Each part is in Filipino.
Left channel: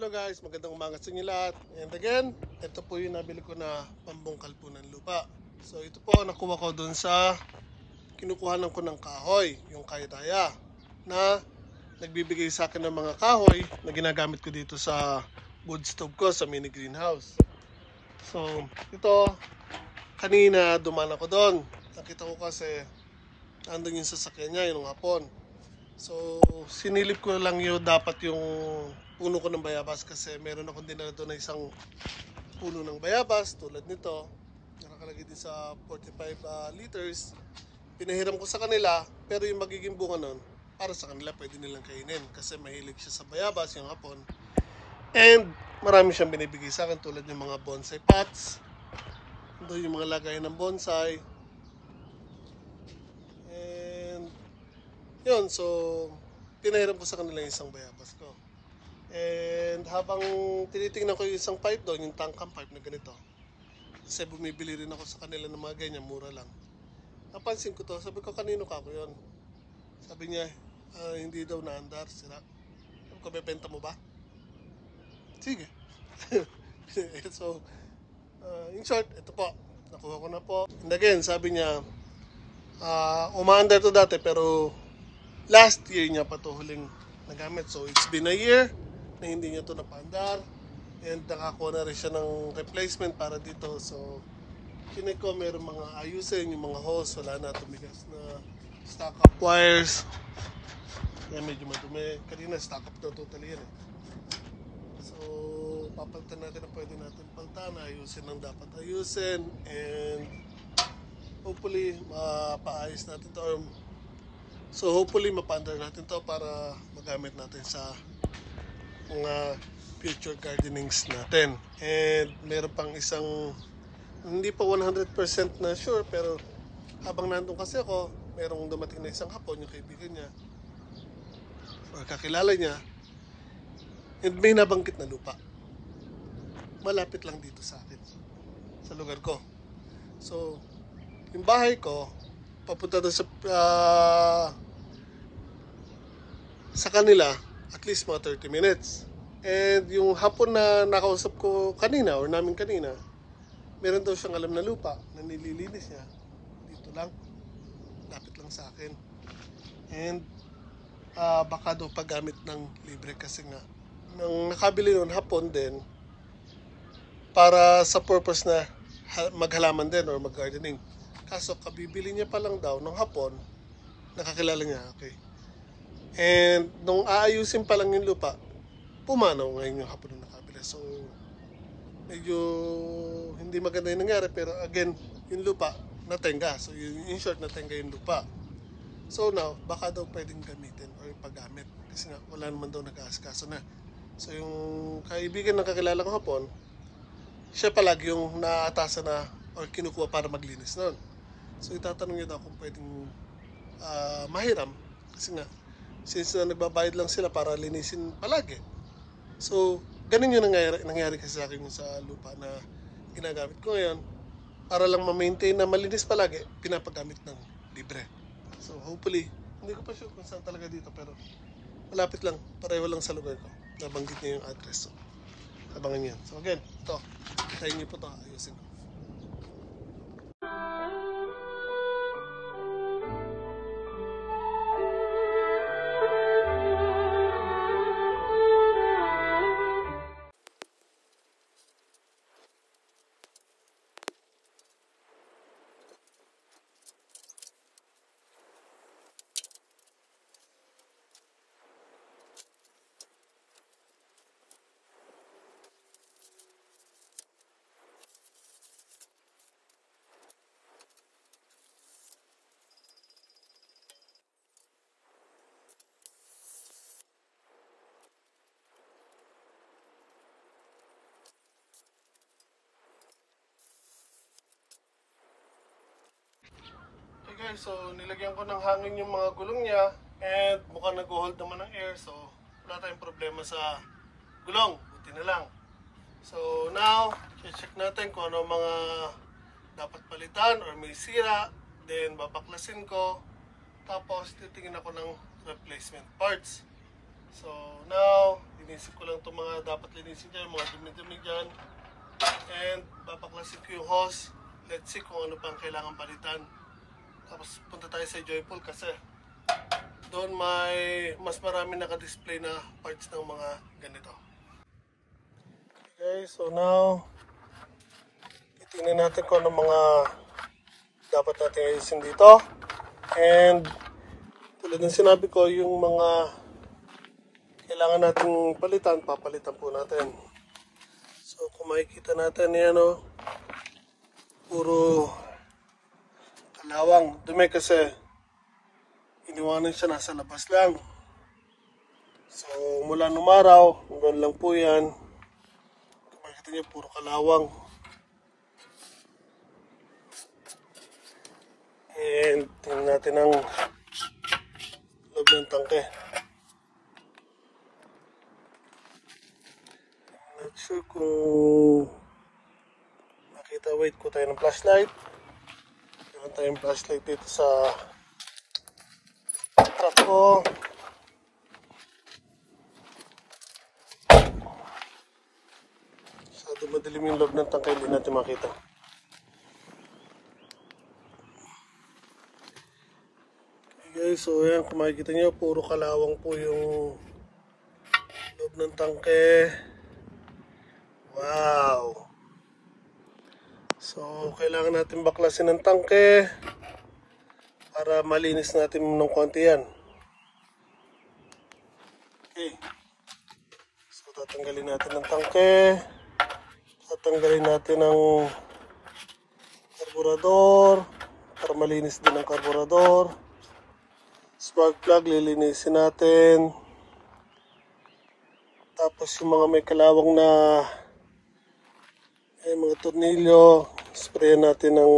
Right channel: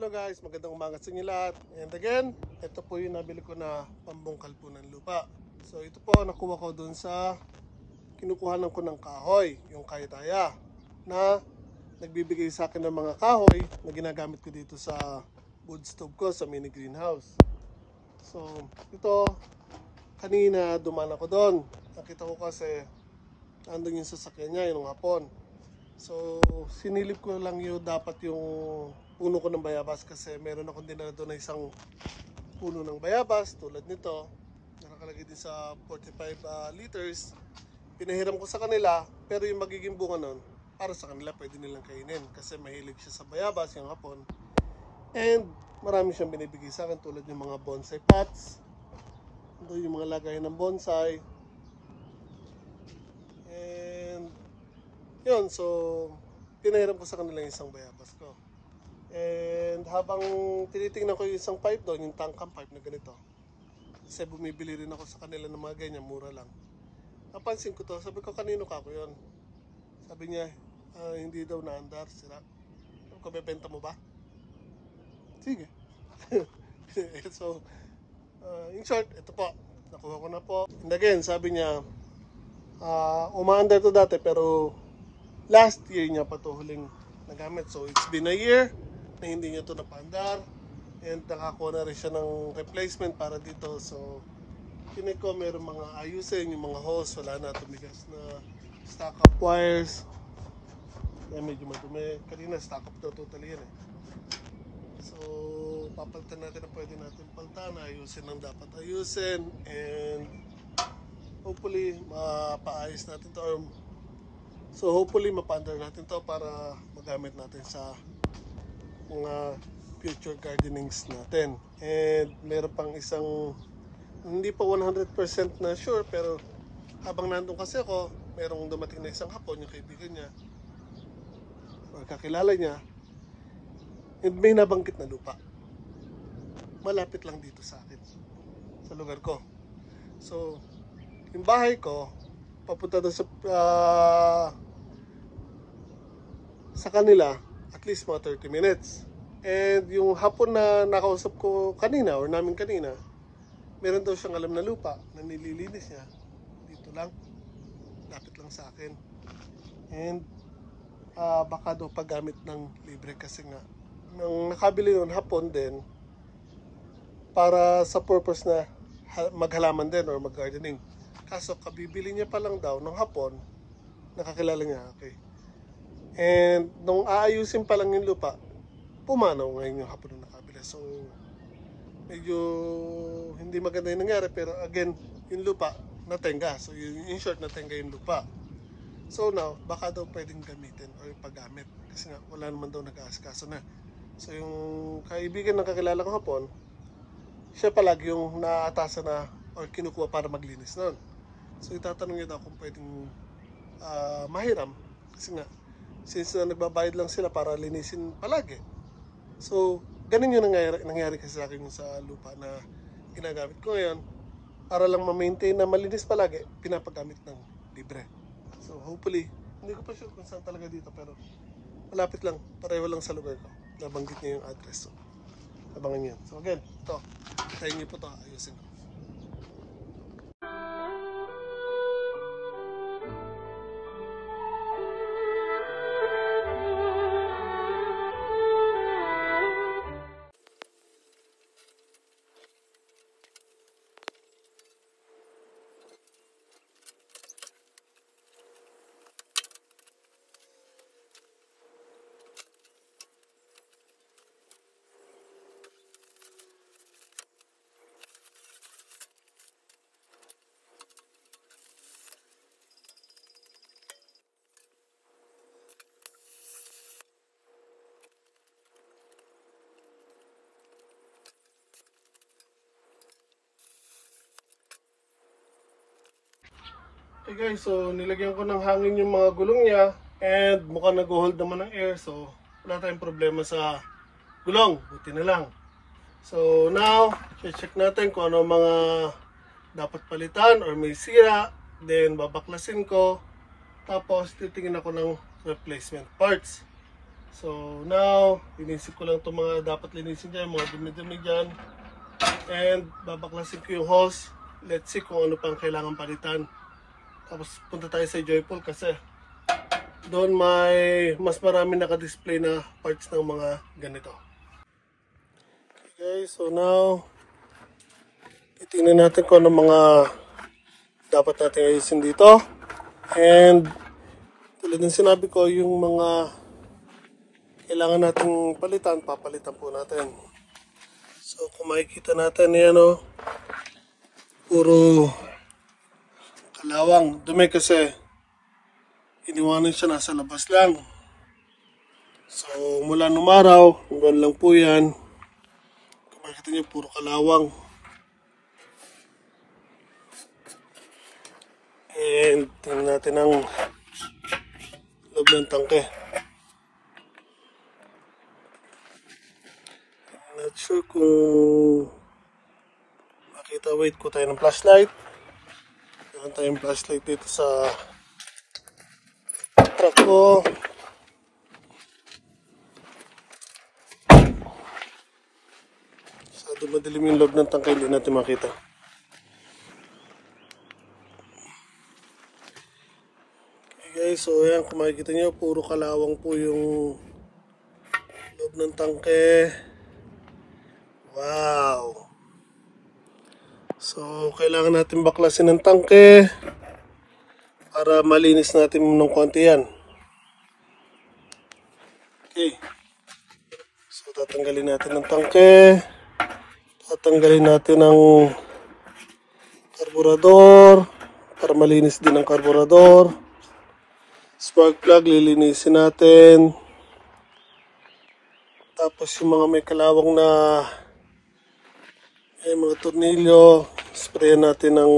Hello guys, magandang umaga sa inyo lahat. And again, ito po yung nabili ko na pambungkal po ng lupa. So ito po, nakuha ko dun sa kinukuhanan ko ng kahoy, yung kaidaya, na nagbibigay sa akin ng mga kahoy na ginagamit ko dito sa wood stove ko sa mini greenhouse. So ito, kanina dumaan ako doon. Nakita ko kasi andun yung sasakyan niya, yung hapon. So sinilip ko lang yung dapat yung puno ko ng bayabas kasi meron akong dinala doon na isang puno ng bayabas tulad nito. Nakakalagay din sa 45 liters. Pinahiram ko sa kanila, pero yung magiging bunga nun, para sa kanila pwede nilang kainin kasi mahilig siya sa bayabas yung hapon. And marami siyang binibigay sa akin tulad yung mga bonsai pots. Ito yung mga lagayan ng bonsai. And yun, so pinahiram ko sa kanila yung isang bayabas ko. And habang tinitingnan ko yung isang pipe doon, yung tangkang pipe na ganito, kasi bumibili rin ako sa kanila ng mga ganyan, mura lang. Napansin ko to, sabi ko kanino ka ko yun? Sabi niya, hindi daw naandar, sira. Sabi ko, bebenta mo ba? Sige. So, in short, ito po, nakuha ko na po. And again, sabi niya, umaandar to dati pero last year niya pa to huling nagamit. So, it's been a year na hindi niya to napaandar. And nakakuha na rin siya ng replacement para dito. So, kinig ko meron mga ayusin, yung mga hose, wala na, tumigas na stock up wires. Yan, medyo madumi. Kanina stock up na totally yan eh. So, papalitan natin ang pwede natin paltan, ayusin ang dapat ayusin, and hopefully mapaayos natin to. So hopefully mapaandar natin to para magamit natin sa mga future gardenings natin. And meron pang isang, hindi pa 100% na sure, pero habang nandun kasi ako, merong dumating na isang hapon, yung kaibigan niya or kakilala niya, and may nabanggit na lupa malapit lang dito sa akin, sa lugar ko. So yung bahay ko papunta doon sa kanila at least mga 30 minutes. And yung hapon na nakausap ko kanina or namin kanina, meron daw siyang alam na lupa na nililinis niya dito lang, lapit lang sa akin. And baka daw paggamit ng libre kasi nga nang nakabili noon hapon din para sa purpose na maghalaman din or mag-gardening. Kaso kabibili niya pa lang daw nung hapon, nakakilala niya, okay. And nung aayusin pa lang yung lupa, pumanaw ngayon yung hapon na nakabili. So medyo hindi maganda yung nangyari, pero again, yung lupa natenga. So in short, natenga yung lupa. So now, baka daw pwedeng gamitin or paggamit kasi nga wala naman daw nag-aasikaso na. So yung kaibigan ng kakilala ko hapon, siya palagi yung naatasan na or kinukuha para maglinis nun. So itatanong niya daw kung pwedeng mahiram kasi nga since na nagbabayad lang sila para linisin palagi. So ganun yung nangyari kasi sa akin sa lupa na ginagamit ko ngayon para lang ma-maintain na malinis palagi, pinapagamit ng libre. So hopefully, hindi ko pa sure kung saan talaga dito, pero malapit lang, pareho lang sa lugar ko. Nabanggit niya yung address. So abangan yan. So again, ito, try niyo po ito, ayusin ko. Okay guys, so nilagyan ko ng hangin yung mga gulong niya and mukhang nag-hold naman ng air, so wala tayong problema sa gulong, buti na lang. So now, check natin kung ano mga dapat palitan or may sira, then babaklasin ko, tapos titingin ako ng replacement parts. So now, linisin ko lang itong mga dapat linisin dyan, mga dumi-dumi dyan. And babaklasin ko yung hose. Let's see kung ano pang kailangan palitan. Tapos punta tayo sa Joyful kasi doon may mas marami naka-display na parts ng mga ganito. Okay, so now titingnan natin kung ano mga dapat natin ayusin dito. And tulad ng sinabi ko, yung mga kailangan nating palitan, papalitan po natin. So kung makikita natin yan, puro kalawang. Dumi kasi iniwanan siya nasa labas lang. So mula nung araw, hanggang lang po yan. Kung makikita niyo, puro kalawang. And tingnan natin ang loob ng tangke. Not sure kung makita. Wait ko tayo ng flashlight. Meron tayong flashlight dito sa truck ko. So dumadilim yung loob ng tangke, hindi natin makita. Okay guys, so ayan, kung makikita nyo, puro kalawang po yung loob ng tangke. Wow! So kailangan natin baklasin ng tangke para malinis natin ng konti yan. Okay. So tatanggalin natin ng tangke. Tatanggalin natin ng karburador para malinis din ang karburador. Spark plug, lilinisin natin. Tapos yung mga may kalawang na mga tornilyo, sprayan natin ng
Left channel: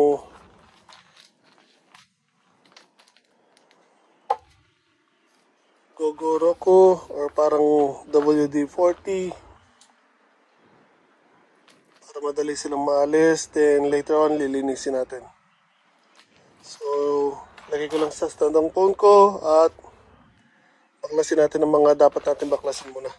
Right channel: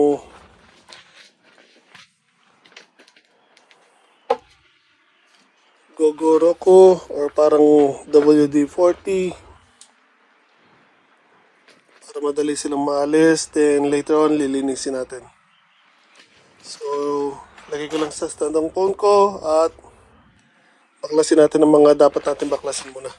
Gogoroku or parang WD-40 para madali silang maalis. Then later on, lilinisin natin. So lagay ko lang sa stand ang phone ko at baklasin natin ang mga dapat natin baklasin muna.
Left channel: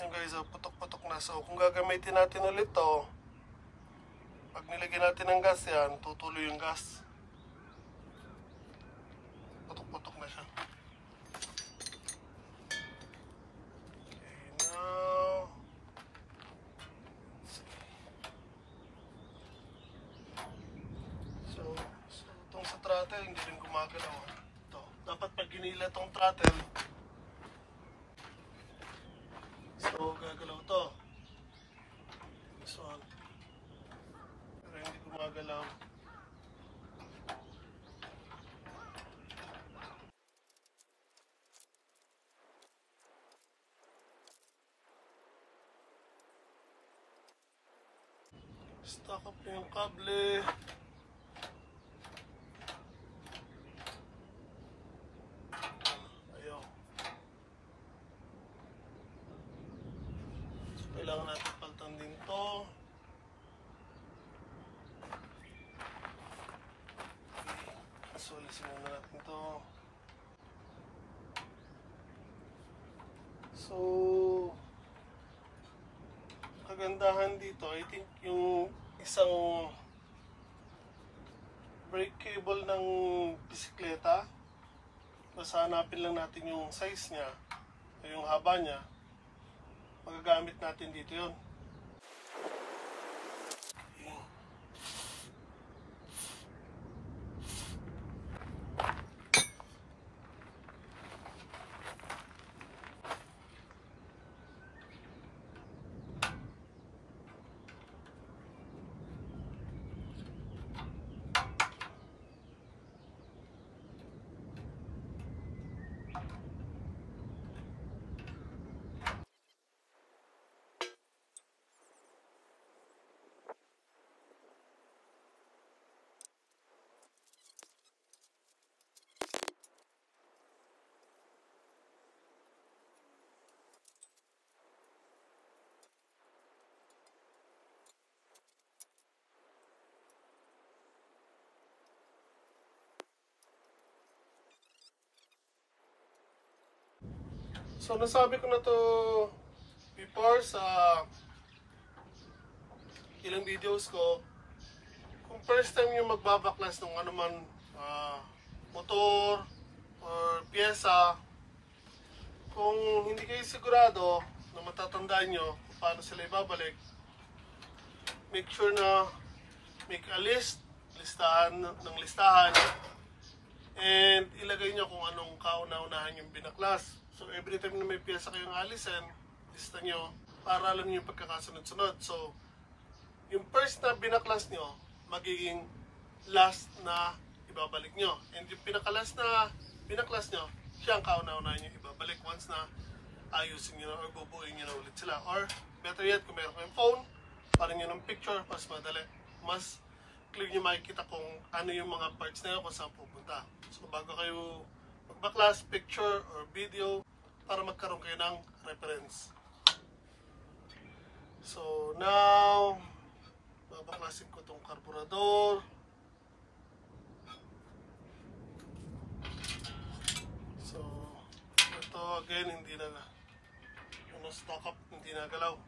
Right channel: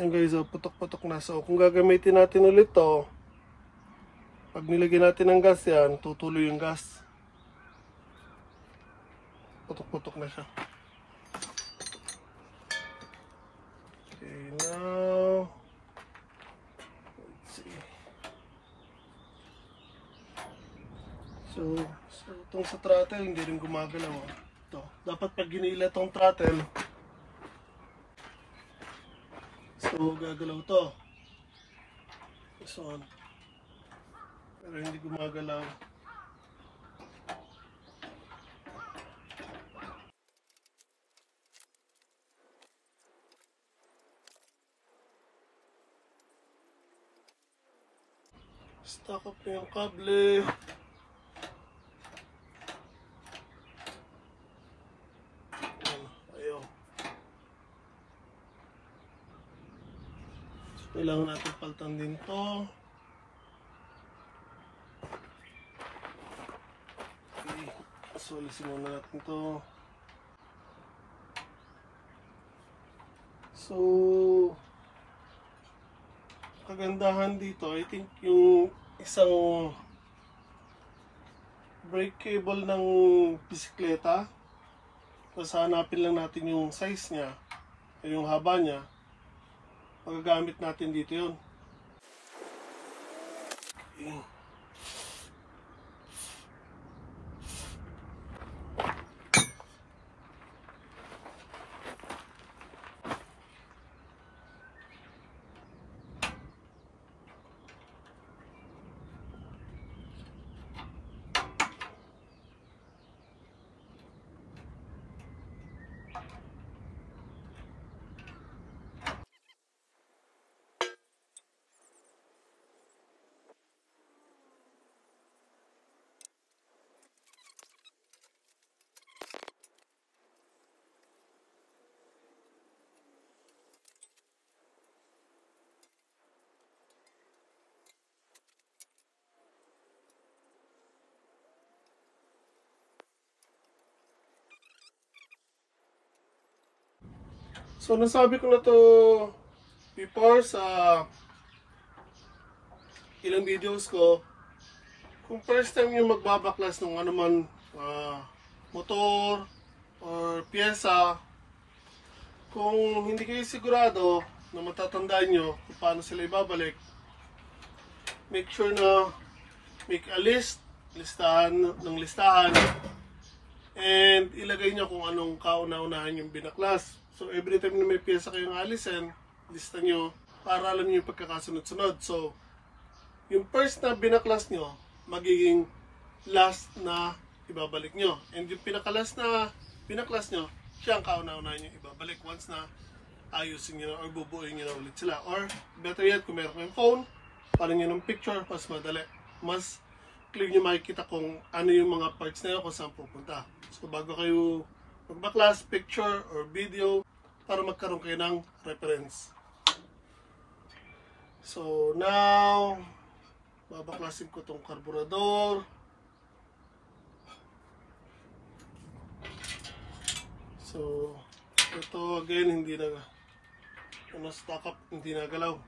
Yan guys, putok-putok na. So kung gagamitin natin ulit to, pag nilagyan natin ng gas yan, tutuloy yung gas. Putok-putok na siya. Okay, now let's see. So itong sa throttle, hindi rin gumagalaw. Ito, dapat pag ginila itong throttle, so gagalaw to. This one. Pero hindi gumagalaw. Stuck up yung kable. Ayun. Kailangan natin paltan din to. So, alisin muna natin to. So, kagandahan dito, I think yung isang brake cable ng bisikleta, basta hanapin lang natin yung size niya, yung haba niya, magagamit natin dito yun. Okay. So, nasabi ko na to before sa ilang videos ko. Kung first time yung magbabaklas ng anuman motor or pyesa, kung hindi kayo sigurado na matatandaan nyo kung paano sila ibabalik, make sure na make a listahan, and ilagay nyo kung anong kauna-unahan yung binaklas. So, every time na may pyesa kayong alisin, lista nyo para alam nyo yung pagkakasunod-sunod. So, yung first na binaklas nyo, magiging last na ibabalik nyo. And yung pinakalas na binaklas nyo, siya ang kauna-unahan nyo ibabalik once na ayusin nyo or bubuuin nyo na ulit sila. Or, better yet, kung meron kayong phone, paano nyo ng picture, mas madali. Mas clear nyo makikita kung ano yung mga parts na yun, kung saan pupunta. So, bago kayo magbaklas, picture or video para magkaroon kayo ng reference. So now, babaklasin ko tong karburador. So, ito again, hindi na stock up, hindi na galaw.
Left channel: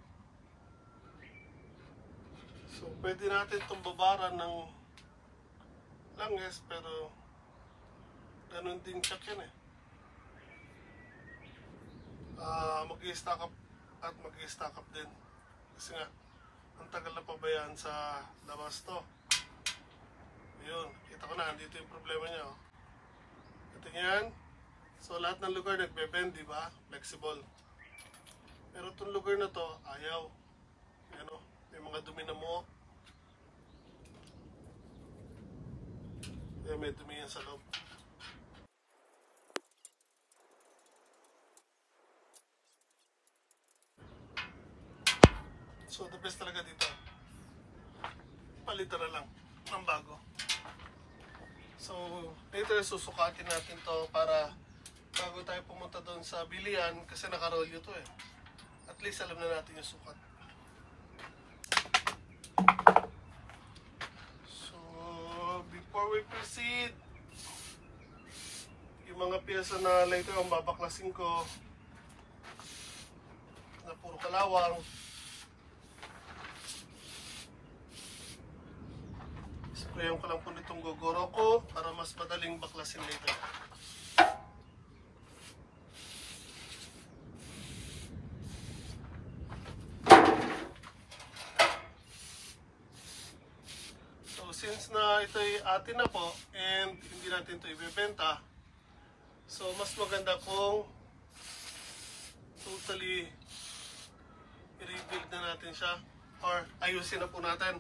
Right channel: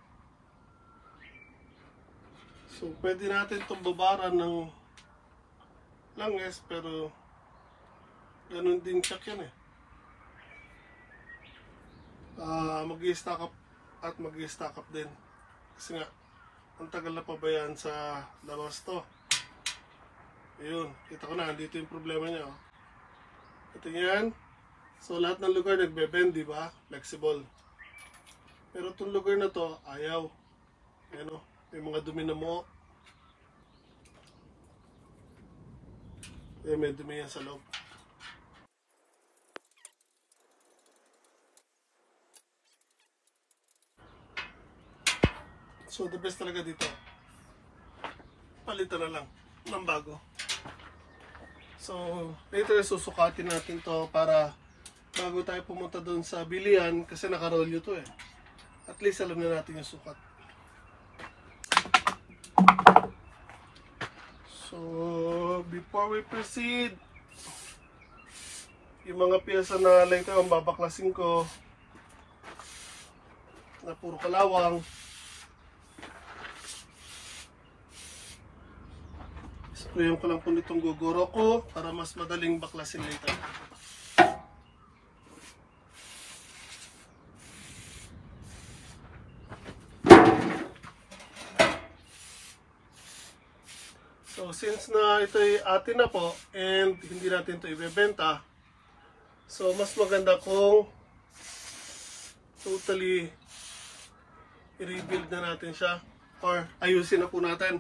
So, pwede natin itong babaran ng langis, pero ganun din check yan eh. Mag-i-stack up at mag-i-stack up din. Kasi nga, ang tagal na pabayaan sa labas to. Ayun, kita ko na, dito yung problema niya. Oh. Ito yan. So, lahat ng lugar nagbe-bend, di ba? Flexible. Pero itong lugar na to, ayaw. Ayan o, may mga dumi na mo. Ayan, may dumi yan sa loob. So, the best talaga dito, palitan na lang ng bago. So, later susukatin natin to para bago tayo pumunta doon sa bilihan, kasi nakarolyo to eh. At least alam na natin yung sukat. So, before we proceed, yung mga piyesa na later ang babaklasin ko na puro kalawang, sprayan ko lang po nitong guguro ko para mas madaling baklasin later. So since na ito ay atin na po and hindi natin ito ibebenta, so mas maganda kung totally i-rebuild na natin siya or ayusin na po natin.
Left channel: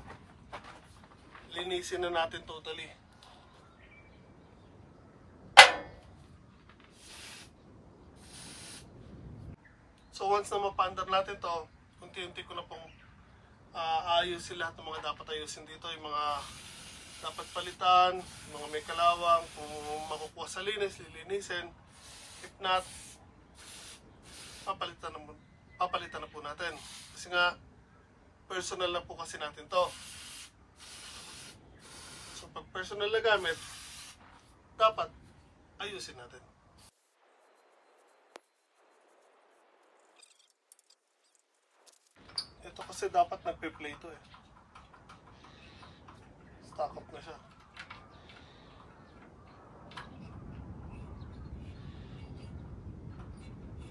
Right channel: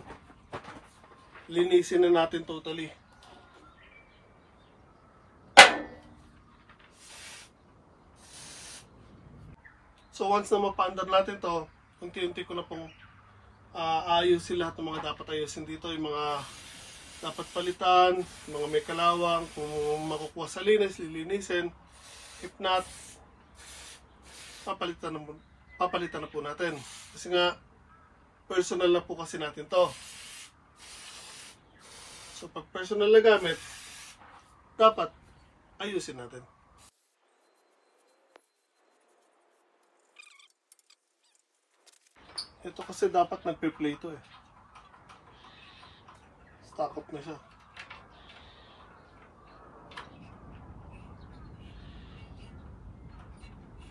Linisin na natin totally. So once na mapaandar natin to, unti-unti ko na pong ayusin lahat ng mga dapat ayusin dito. Yung mga dapat palitan, mga may kalawang, kung makukuha sa linis, lilinisin. If not, papalitan na po natin. Kasi nga, personal na po kasi natin to. So pag personal na gamit, dapat ayusin natin. Ito kasi dapat nagpe-play to eh. Stock up na siya.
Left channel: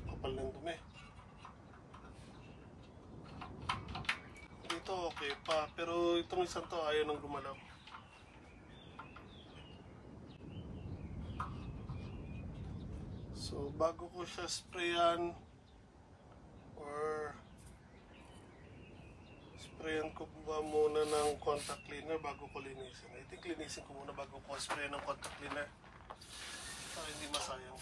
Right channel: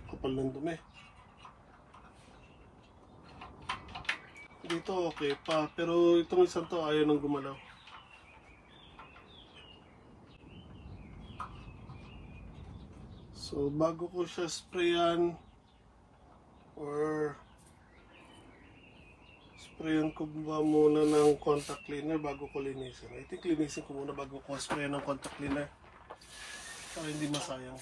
Kapal ng dumi. Dito okay pa, pero itong isang to ayaw nang gumalaw. So bago ko siya sprayan or sprayan ko ba muna ng contact cleaner bago ko linisin. I think linisin ko muna bago ko sprayan ng contact cleaner para hindi masayang.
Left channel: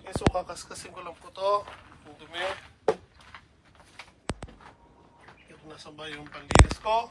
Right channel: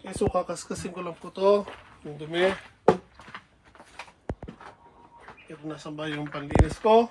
Okay, so kakaskasin ko lang po to yung dumi. Ito nasa ba yung panlinis ko.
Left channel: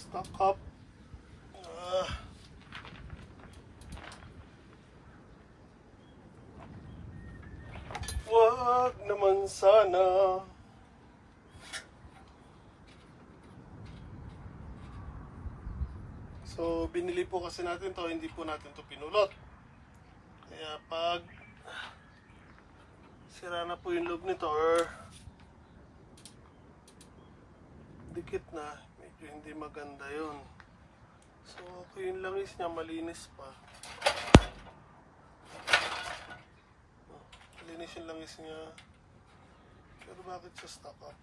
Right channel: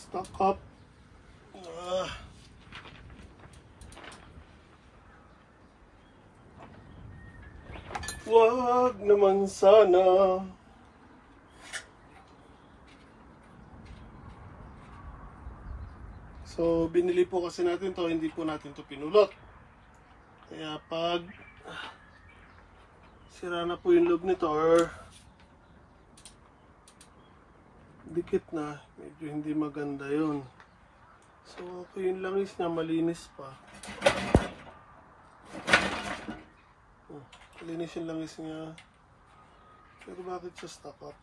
Stock up. Wag naman sana. So, binili po kasi natin to, hindi po natin to pinulot. Kaya pag sira na po yung loob nito or dikit na, medyo hindi maganda yun. So, okay yung langis niya, malinis pa. Malinis yung langis niya. Pero bakit siya stock up?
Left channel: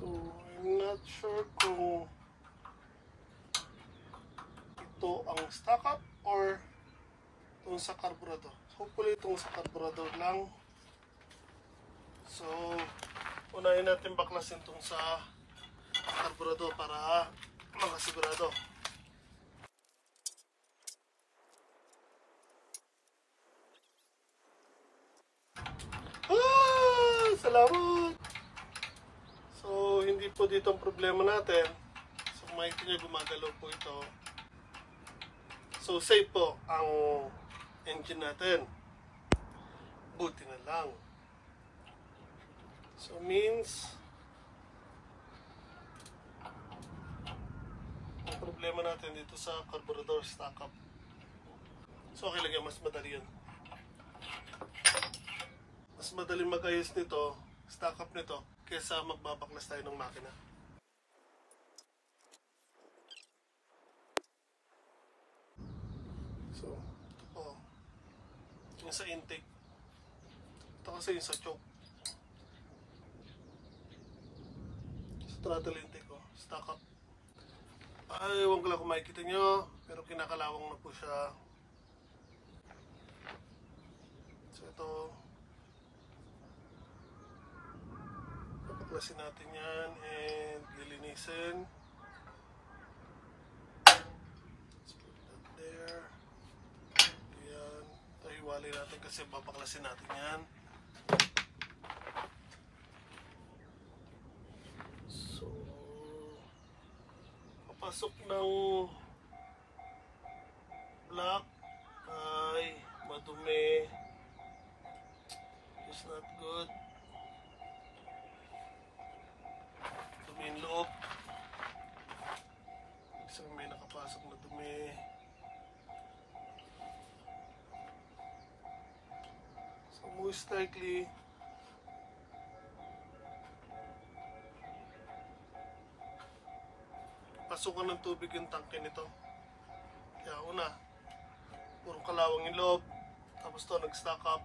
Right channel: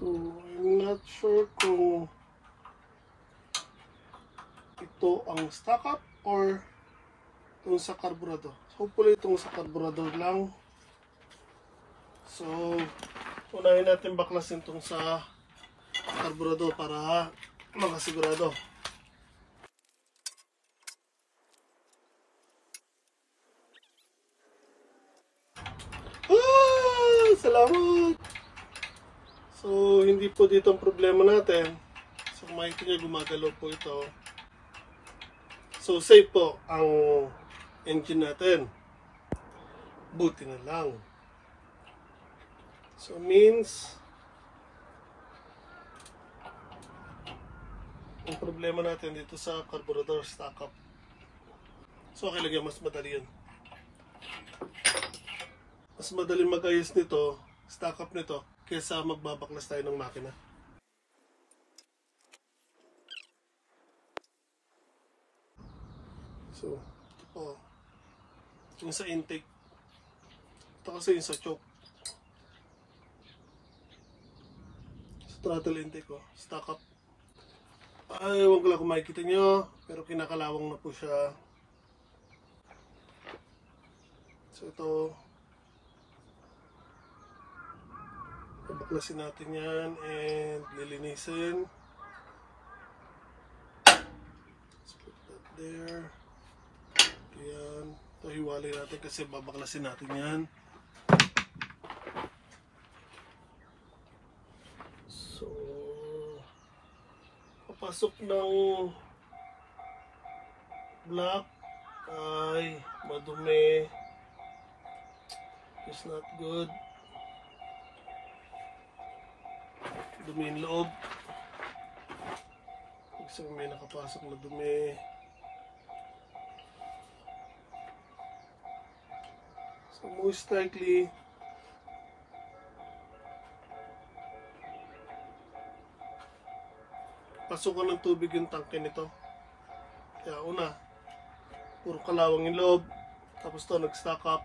So, I'm not sure kung ito ang stock up or itong sa carburetor. So, hopefully itong sa carburetor lang. So, unahin natin baklasin itong sa carburetor para makasigurado. Salamat! So, hindi po dito ang problema natin. So, kung makikita niya, gumagalaw po ito. So, safe po ang engine natin. Buti na lang. So, means ang problema natin dito sa carburetor stock up. So, okay lang yan. Mas madali yun. Mas madali mag-ayos nito, stock up nito, kesa magbabaklas tayo ng makina. So, yung sa intake. Ito kasi yung sa choke. Sa throttle intake ko, stock up. Ay, huwag ko lang kung makikita nyo, pero kinakalawang na po siya. So, ito, baklasin natin yan and lilinisin. Let's put that there. Ayan. Ito hiwalay natin kasi babaklasin natin yan. pasok ng black ay madumi. It's not good. Dumi yung loob. Kasi may nakapasok na dumi. So most likely pasukan ng tubig yung tangke nito. Kaya una, puro kalawang yung loob. Tapos to nag-stack up.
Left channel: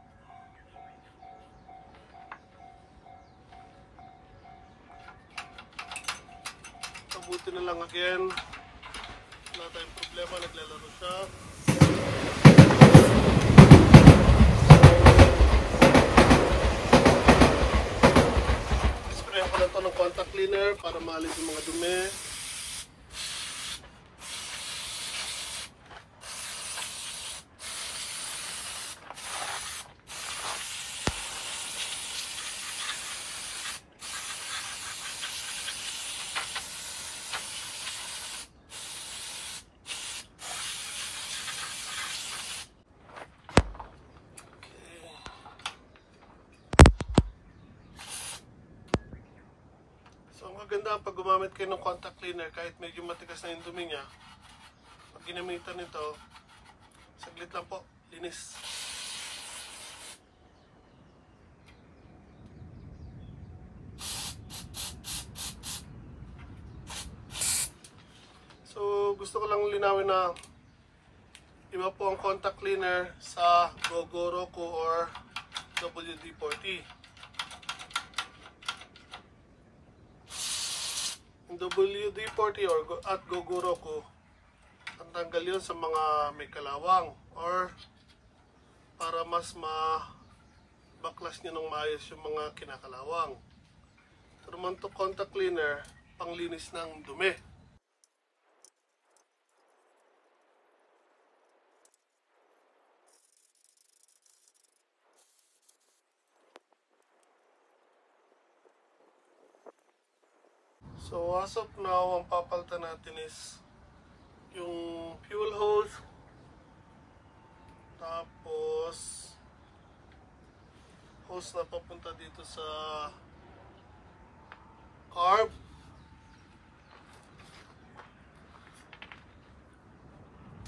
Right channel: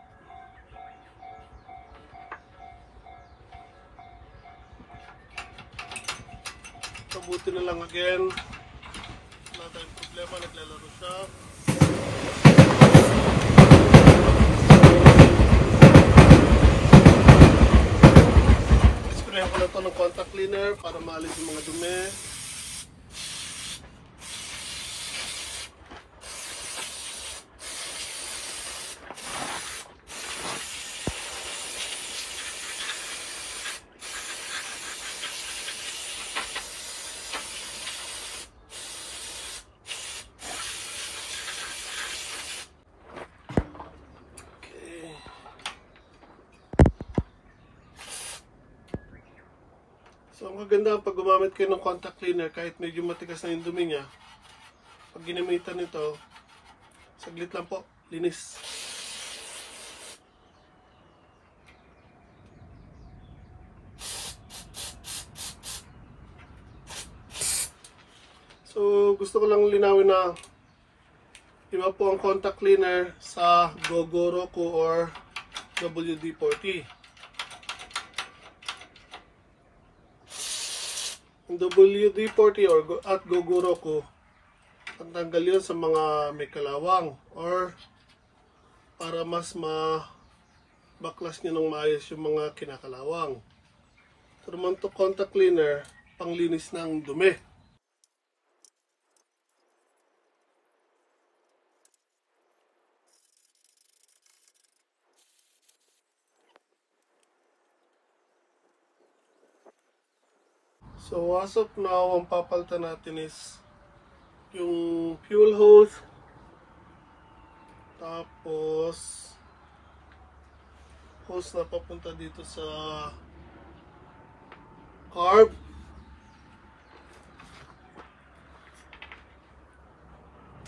Mabuti na lang again. Wala tayong problema, naglalaro siya. Sprayan ko lang ito ng contact cleaner para maalis yung mga dumi. So, ang maganda pag gumamit kayo ng contact cleaner, kahit medyo matigas na yung dumi niya, pag ginamitan nito, saglit lang po, linis. So, gusto ko lang linawin na iba po ang contact cleaner sa Gogoroku or WD-40. Ang WD-40 at Gogoroku, ang tanggal yun sa mga may kalawang or para mas baklas nyo ng maayos yung mga kinakalawang. So naman to contact cleaner, panglinis ng dumi. So as of now, ang papalitan natin is yung fuel hose, tapos hose na papunta dito sa carb,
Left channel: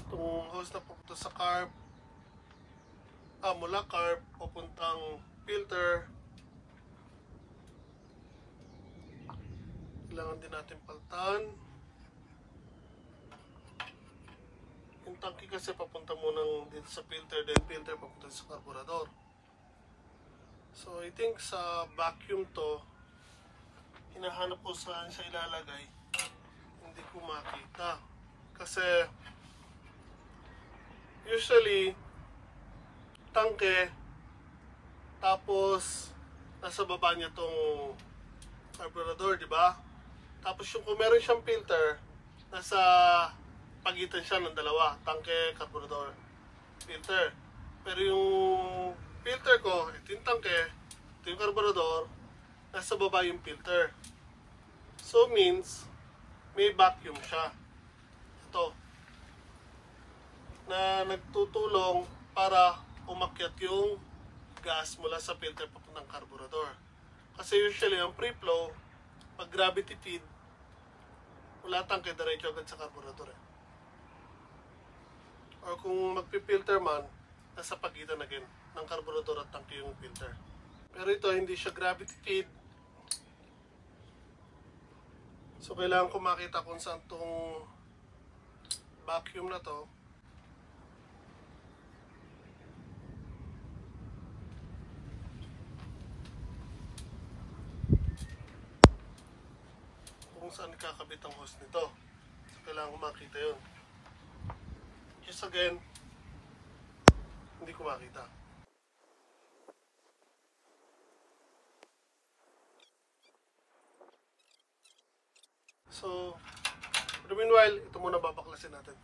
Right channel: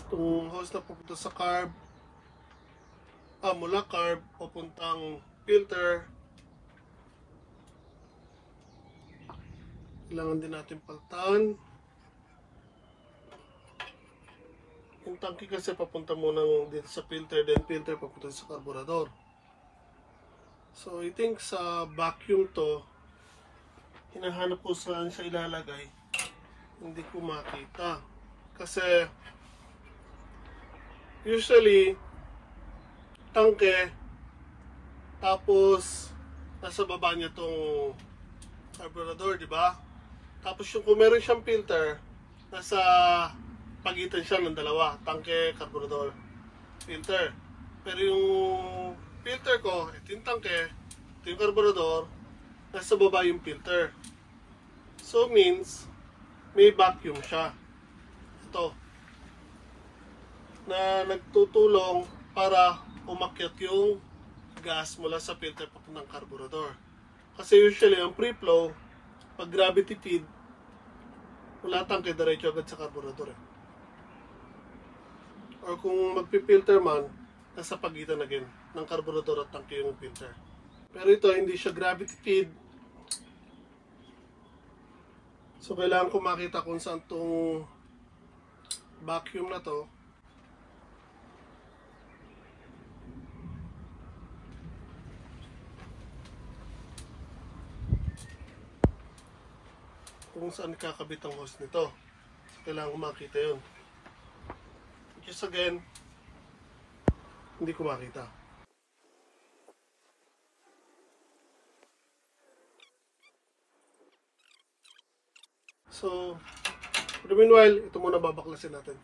itong hose na papunta sa carb, mula carb papuntang filter. Kailangan din natin palitan. Yung tangke kasi papunta muna dito sa filter, then filter papunta sa carburetor. So I think sa vacuum to, hinahanap ko saan siya ilalagay. Hindi ko makita. Kasi usually tangke, tapos nasa baba niya tong carburetor, di ba? Tapos yung kung meron siyang filter, nasa pagitan siya ng dalawa, tangke, carburetor, filter. Pero yung filter ko, ito yung tangke, ito yung carburetor, nasa baba yung filter. So means, may vacuum siya. Ito. Na nagtutulong para umakyat yung gas mula sa filter papuntang carburetor. Kasi usually, ang free flow, pag gravity feed, wala tangke, diretso agad sa carburetor. Or kung magpipilter man, nasa pagitan again ng carburetor at tangke yung filter. Pero ito, hindi siya gravity feed. So, kailangan ko makita kung saan itong vacuum na to. Kung saan kakabit ang hose nito. Kailangan ko makita yun. Just again, hindi ko makita. So, for the meanwhile, ito muna babaklasin natin.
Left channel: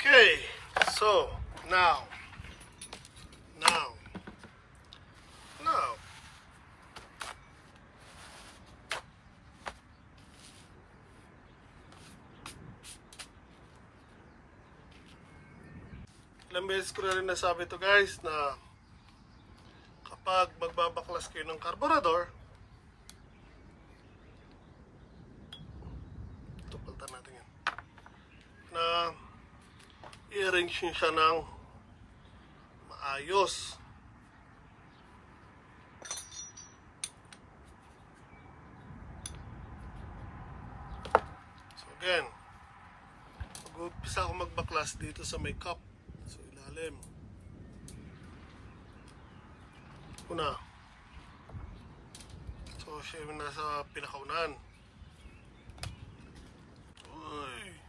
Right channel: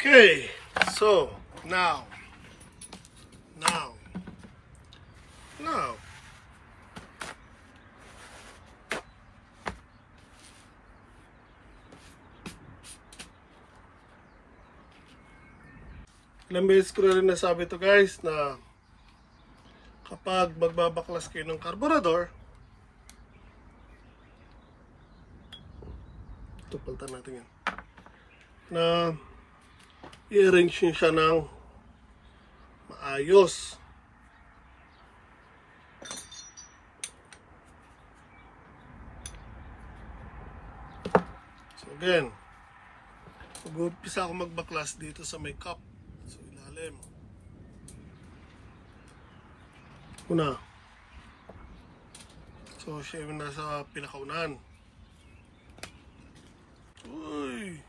Okay, so, now, Ilang beses ko na rin nasabi to guys na kapag magbabaklas kayo ng carburetor, ito palitan natin yan, na i-arrange nyo siya ng maayos. So again, mag-umpisa ako magbaklas dito sa may cup. So ilalim. Una. So siya yung nasa pinakaunahan. Uy!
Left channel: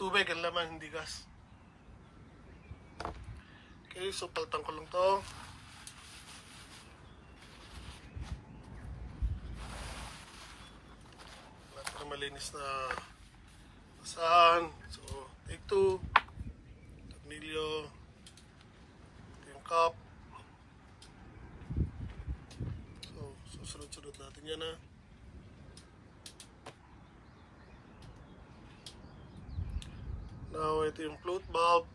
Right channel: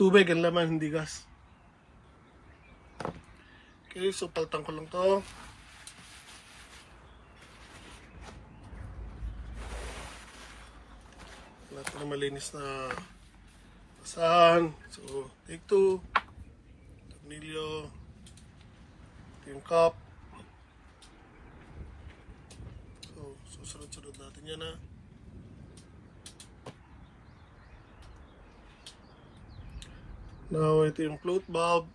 Tubig ang laman, hindi gas. Okay, so paltang ko lang to. Lahat na malinis na basahan. So, take 2. Tornilyo. Ito yung cup. So, susunod-sunod natin yan ha. Now, ito yung float valve.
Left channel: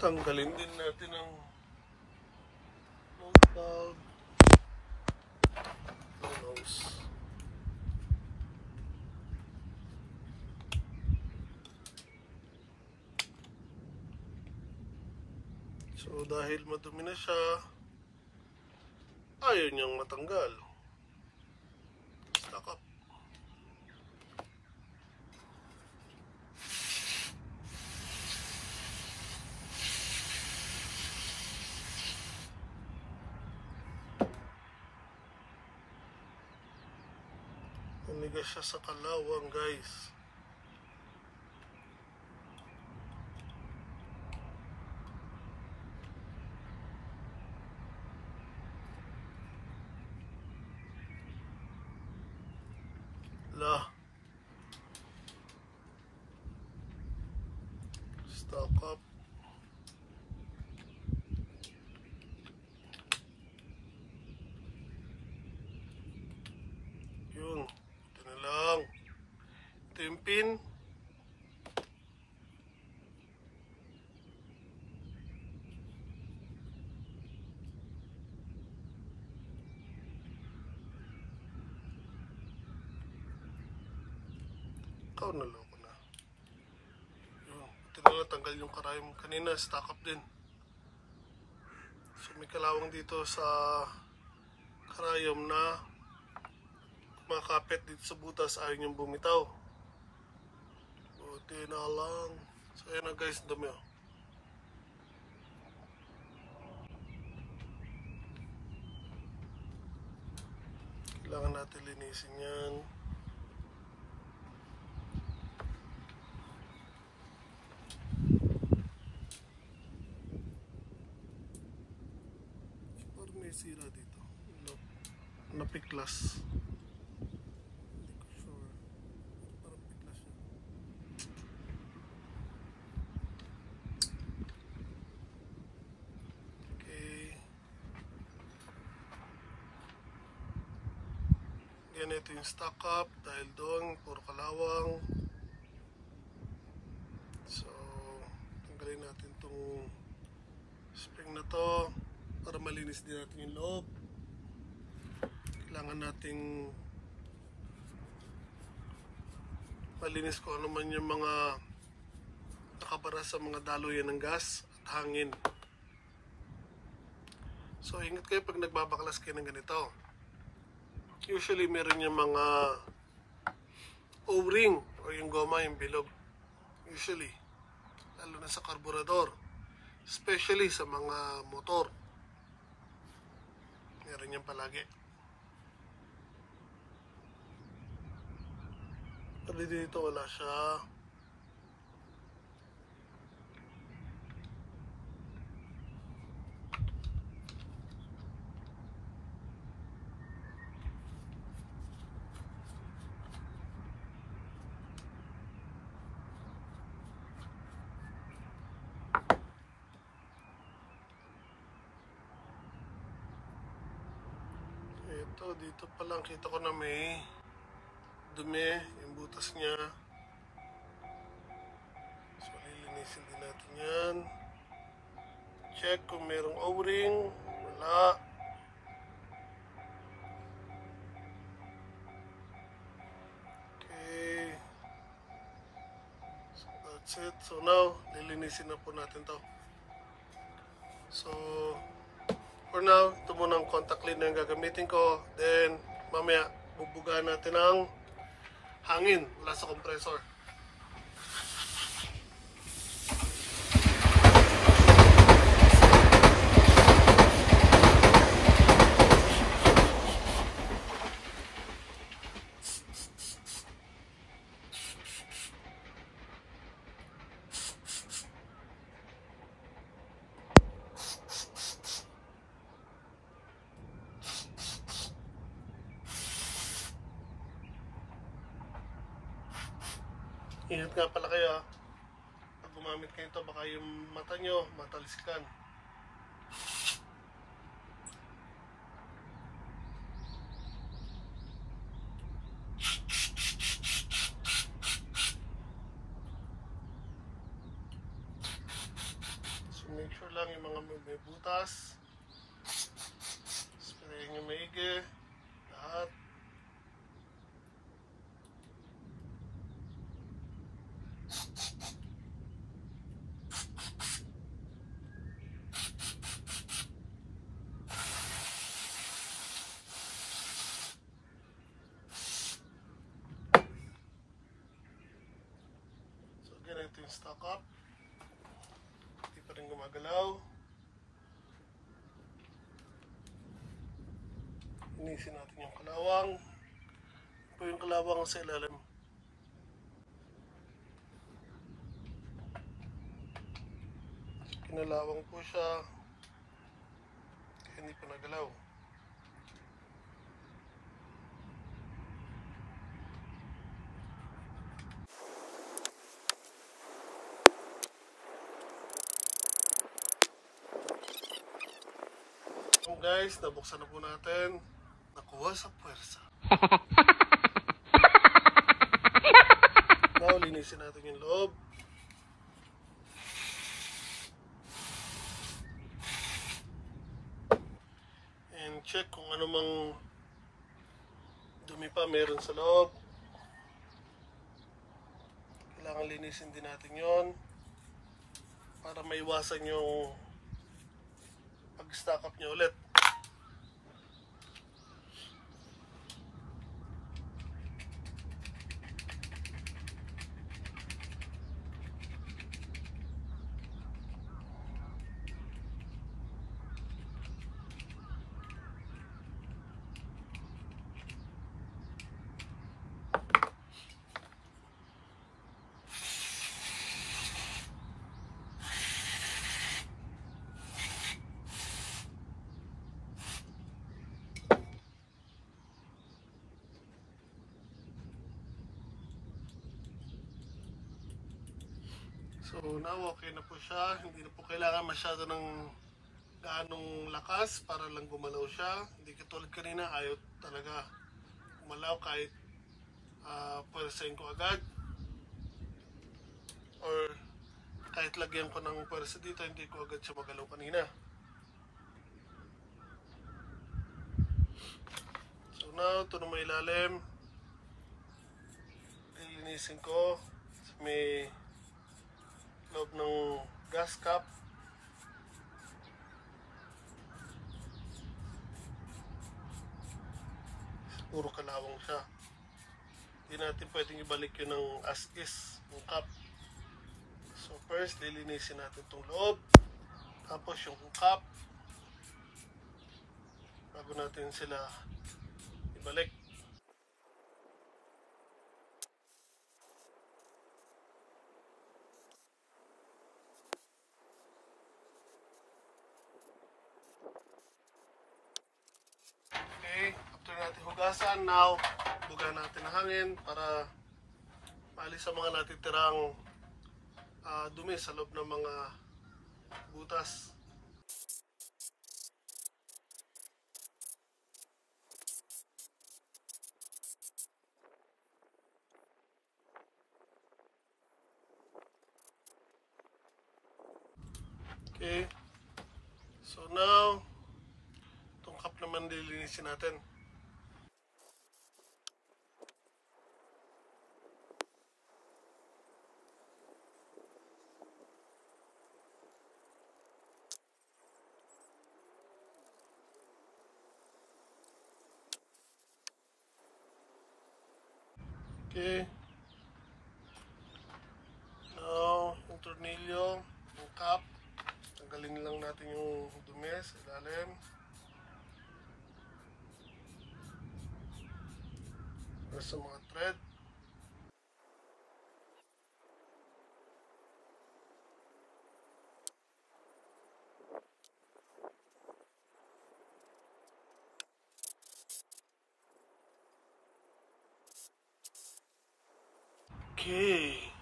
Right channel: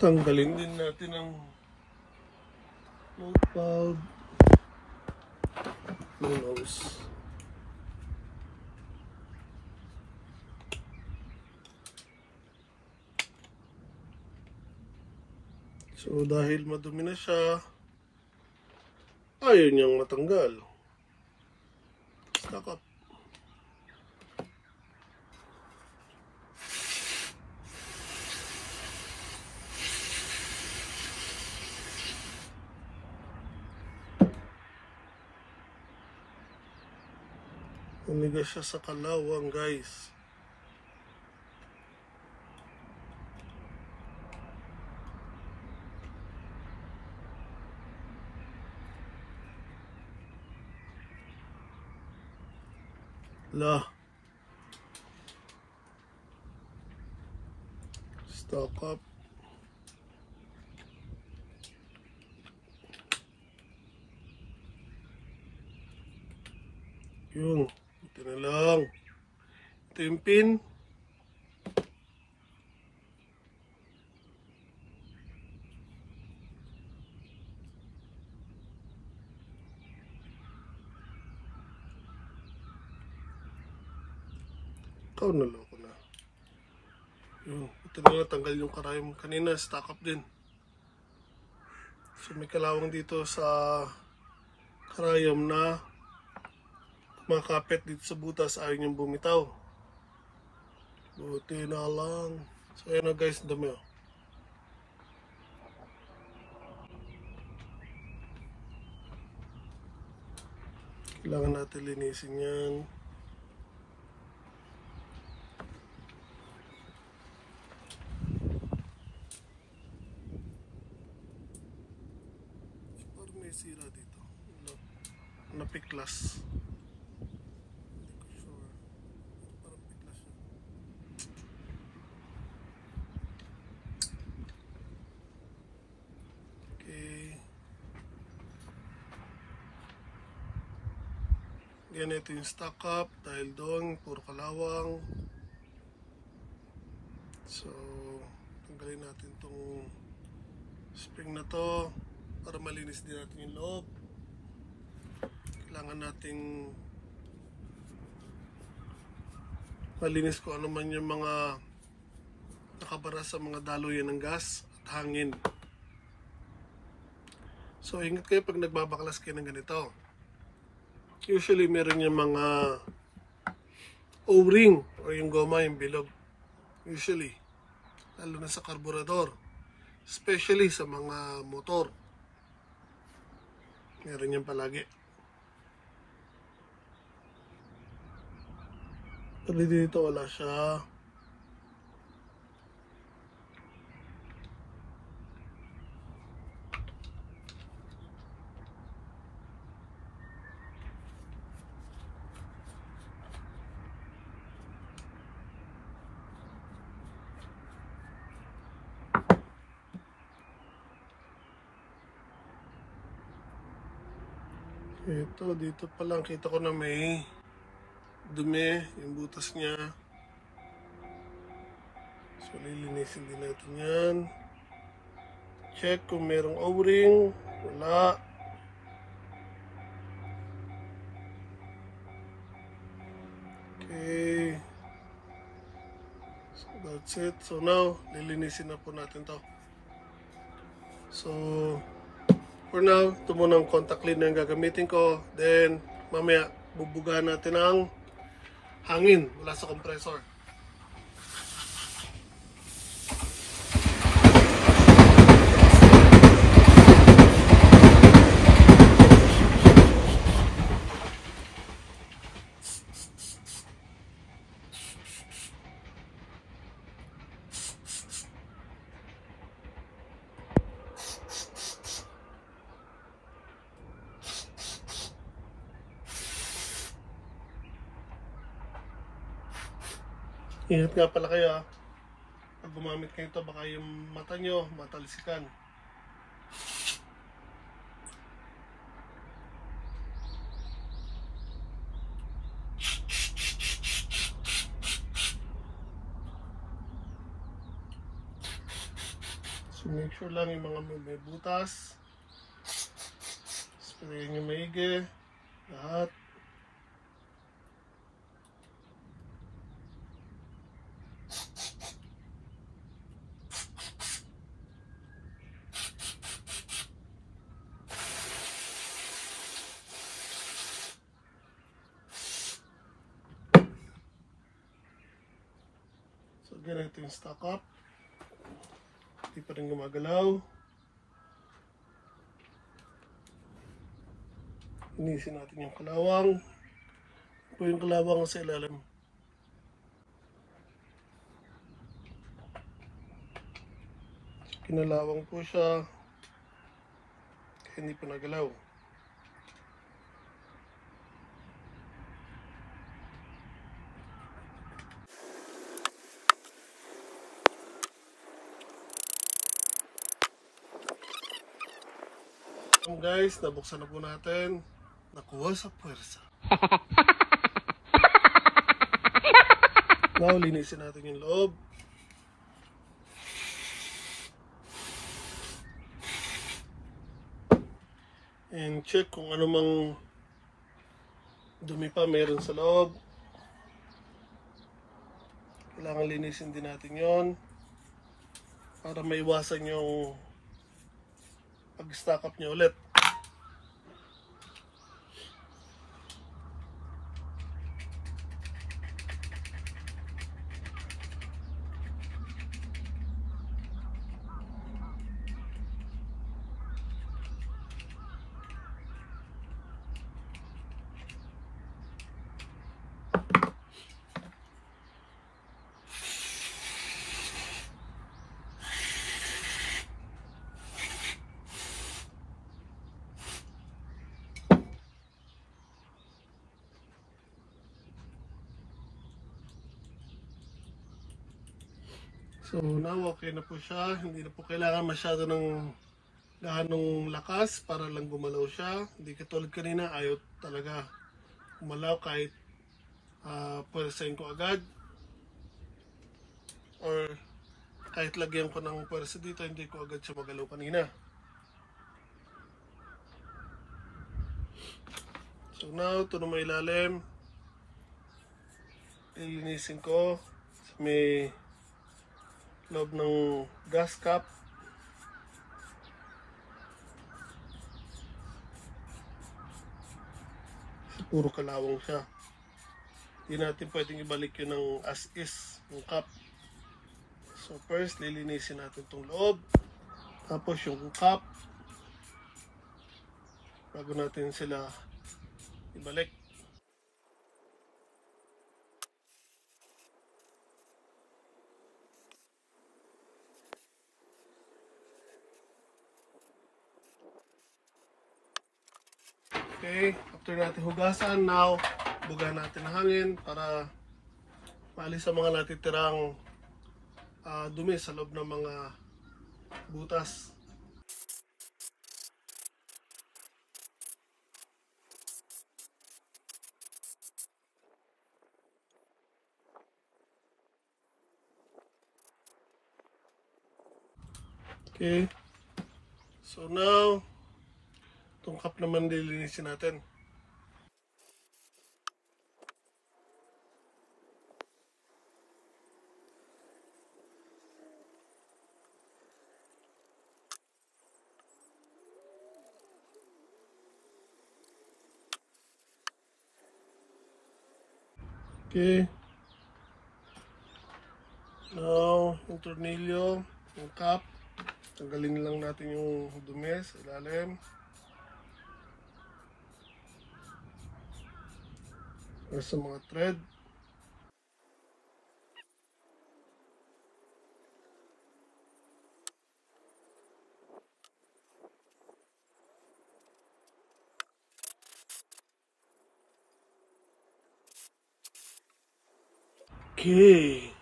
Tanggalin din natin ang float valve. Flow nose. So, dahil madumi na siya, ayaw niyang matanggal. Stuck up. Nanigas siya sa kalawang guys. Stock up. Yun. Ito na lang. Ito yung pin. Ikaw na lang ko na. Yun. Ito na lang, tanggal yung karayom. Kanina, stock up din. So, may kalawang dito sa karayom na makapit dito sa butas. Ayaw niyang bumitaw. Buti na lang. So, ayan na guys, dumi oh. Kailangan natin linisin yan. Parang may sira dito. Napiklas. Hindi ko sure. Parang piklas siya. Okay. Ganito yung stock up dahil doon puro kalawang. So tanggalin natin itong spring na to para malinis din natin yung loob. Kailangan nating malinis kung ano man yung mga nakabara sa mga daluyan ng gas at hangin. So ingat kayo pag nagbabaklas kayo ng ganito. Usually meron yung mga O-ring o yung goma, yung bilog. Usually. Lalo na sa carburetor. Especially sa mga motor. Meron yan palagi. Pero dito wala siya. Ito, dito pa lang kita ko na may dumi yung butas niya. So, lilinisin din natin yan. Check kung merong O-ring. Wala. Okay. So, that's it. So, now, lilinisin na po natin to. So, for now, ito muna ang contact cleaner yung gagamitin ko. Then, mamaya, bubugahan natin ang hangin mula sa compressor. Ingat nga pala kayo ha. Pag gumamit kayo ito, baka yung mata nyo matalsikan. So make sure lang yung mga may butas. Sprayin nyo maigi. Lahat. Ganito yung stock up. Hindi pa rin gumagalaw. Inisin natin yung kalawang. Ito po yung kalawang sa ilalim. Kinalawang po siya. Kaya hindi pa nagalaw. Guys, nabuksan na po natin. Nakuha sa puwersa. Now, linisin natin yung loob. And check kung ano mang dumi pa meron sa loob. Kailangan linisin din natin yon para maiwasan yung pag-stack up niya ulit. So now okay na po siya, hindi na po kailangan masyado ng gaanong lakas para lang gumalaw siya. Hindi katulad kanina, ayaw talaga gumalaw kahit pwersahin ko agad. Or kahit lagyan ko ng pwersa dito, hindi ko agad siya magalaw kanina. So now, ito na may ilalim. Ilinisin ko. May loob ng gas cap. Puro kalawang siya. Hindi natin pwedeng ibalik yun ng as is, yung cap. So first, lilinisin natin itong loob. Tapos yung cap. Bago natin sila ibalik. Okay, after natin hugasan, now, bugahan natin ang hangin para maalis ang mga natitirang dumi sa loob ng mga butas. Okay. So now, itong cup naman lilinisin natin. Okay. Now, yung tornilyo, yung cap, tanggalin lang natin yung dumi sa ilalim. Para sa mga thread. Okay.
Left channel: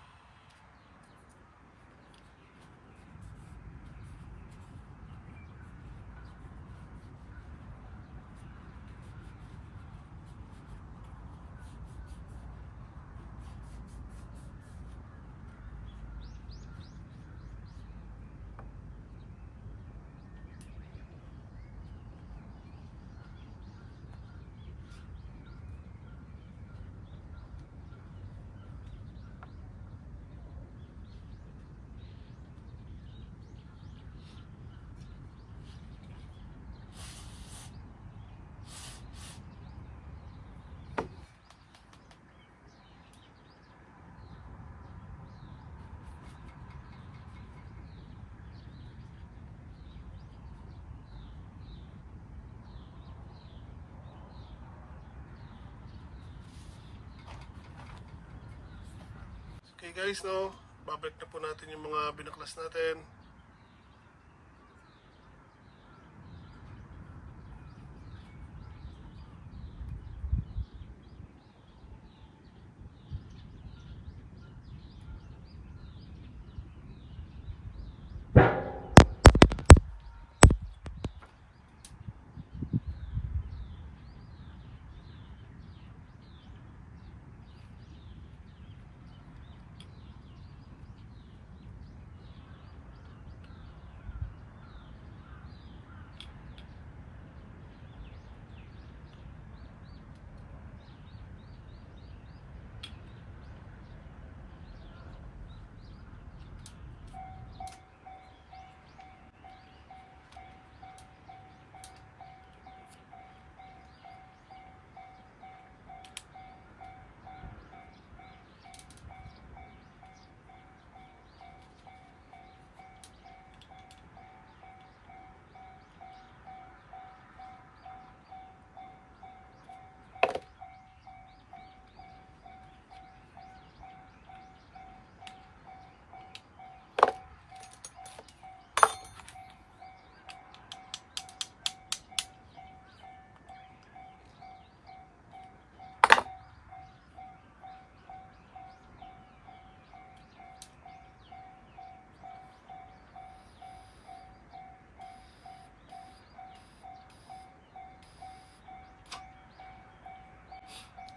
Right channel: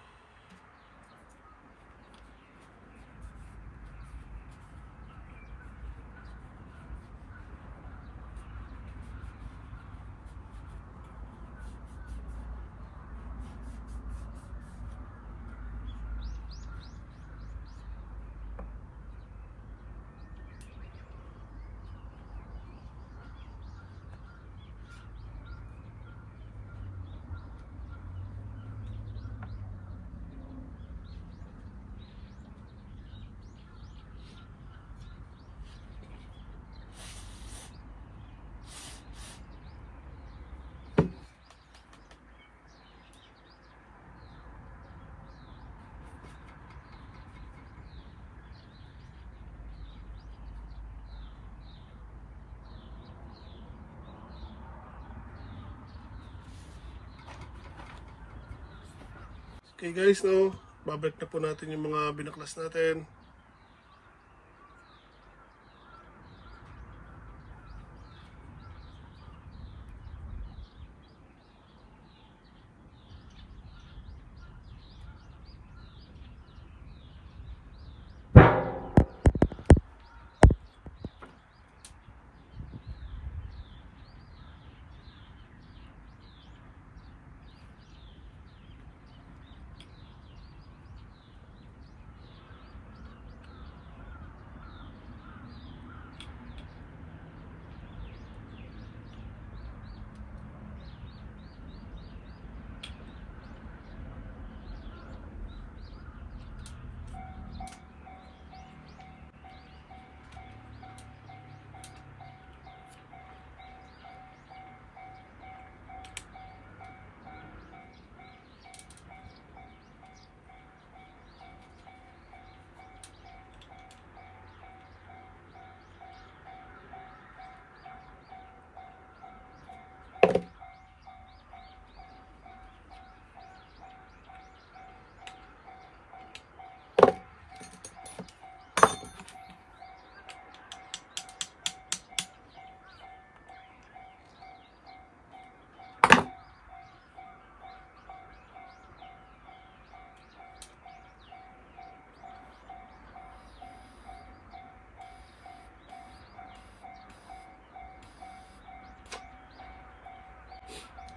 Okay guys, no, babalik na po natin yung mga binaklas natin.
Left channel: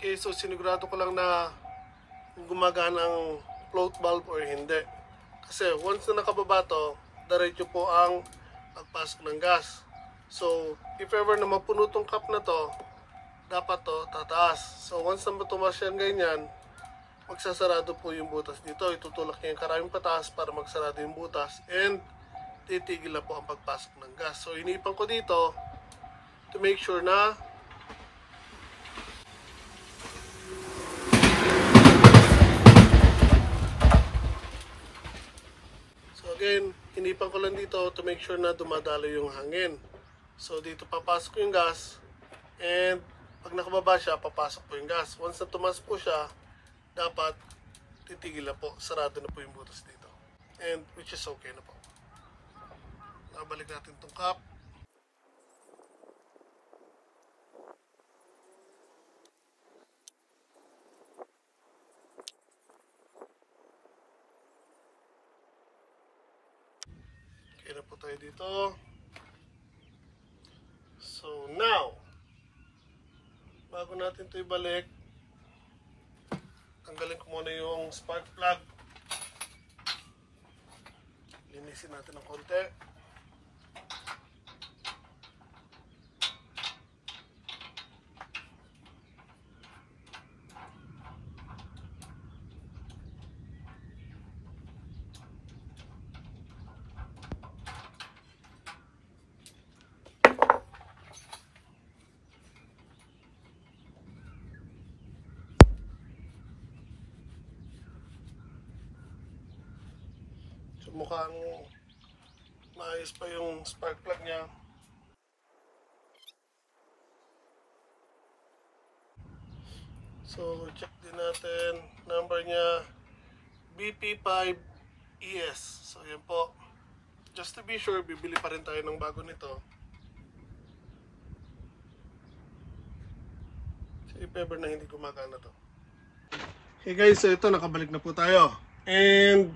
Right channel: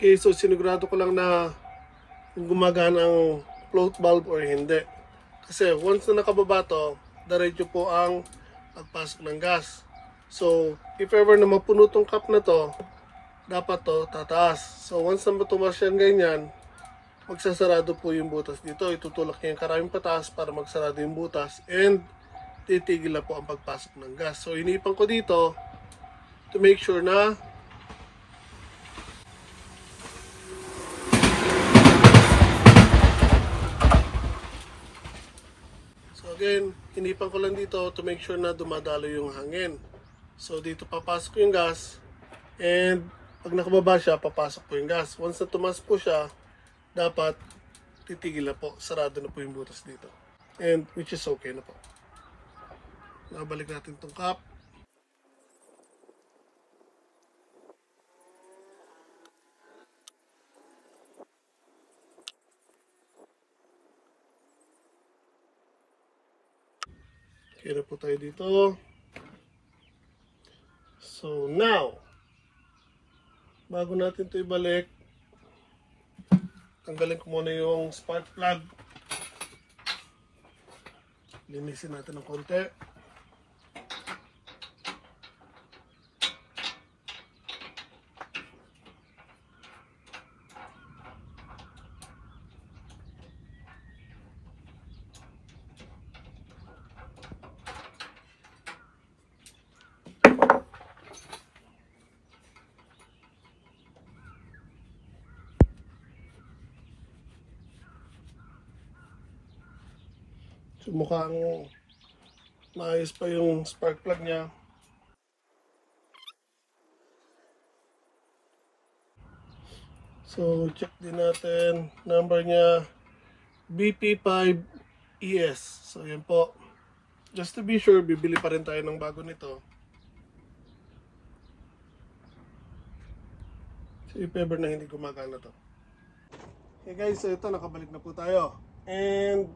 Okay, so sinigurado ko lang na kung gumagana ang float valve or hindi. Kasi once na nakababa to, diretso po ang pagpasok ng gas. So, if ever na mapuno tong cup na to, dapat to tataas. So, once na matumas yan ganyan, magsasarado po yung butas dito. Itutulak niya yung karaming pataas para magsarado yung butas and titigil na po ang pagpasok ng gas. So, inipan ko dito to make sure na again, kinipan ko lang dito to make sure na dumadalo yung hangin. So, dito papasok yung gas and pag nakababa siya, papasok po yung gas. Once na tumas po siya, dapat titigil na po. Sarado na po yung butas dito. And which is okay na po. Nabalik natin itong cap. Okay na po tayo dito. So now, bago natin ito ibalik, tanggalin ko muna yung spark plug. Linisin natin ng konti. So mukhang maayos pa yung spark plug niya. So check din natin, number niya BP5ES. So yan po. Just to be sure, bibili pa rin tayo ng bago nito. So if ever na hindi gumagana to. Okay guys, so ito nakabalik na po tayo. And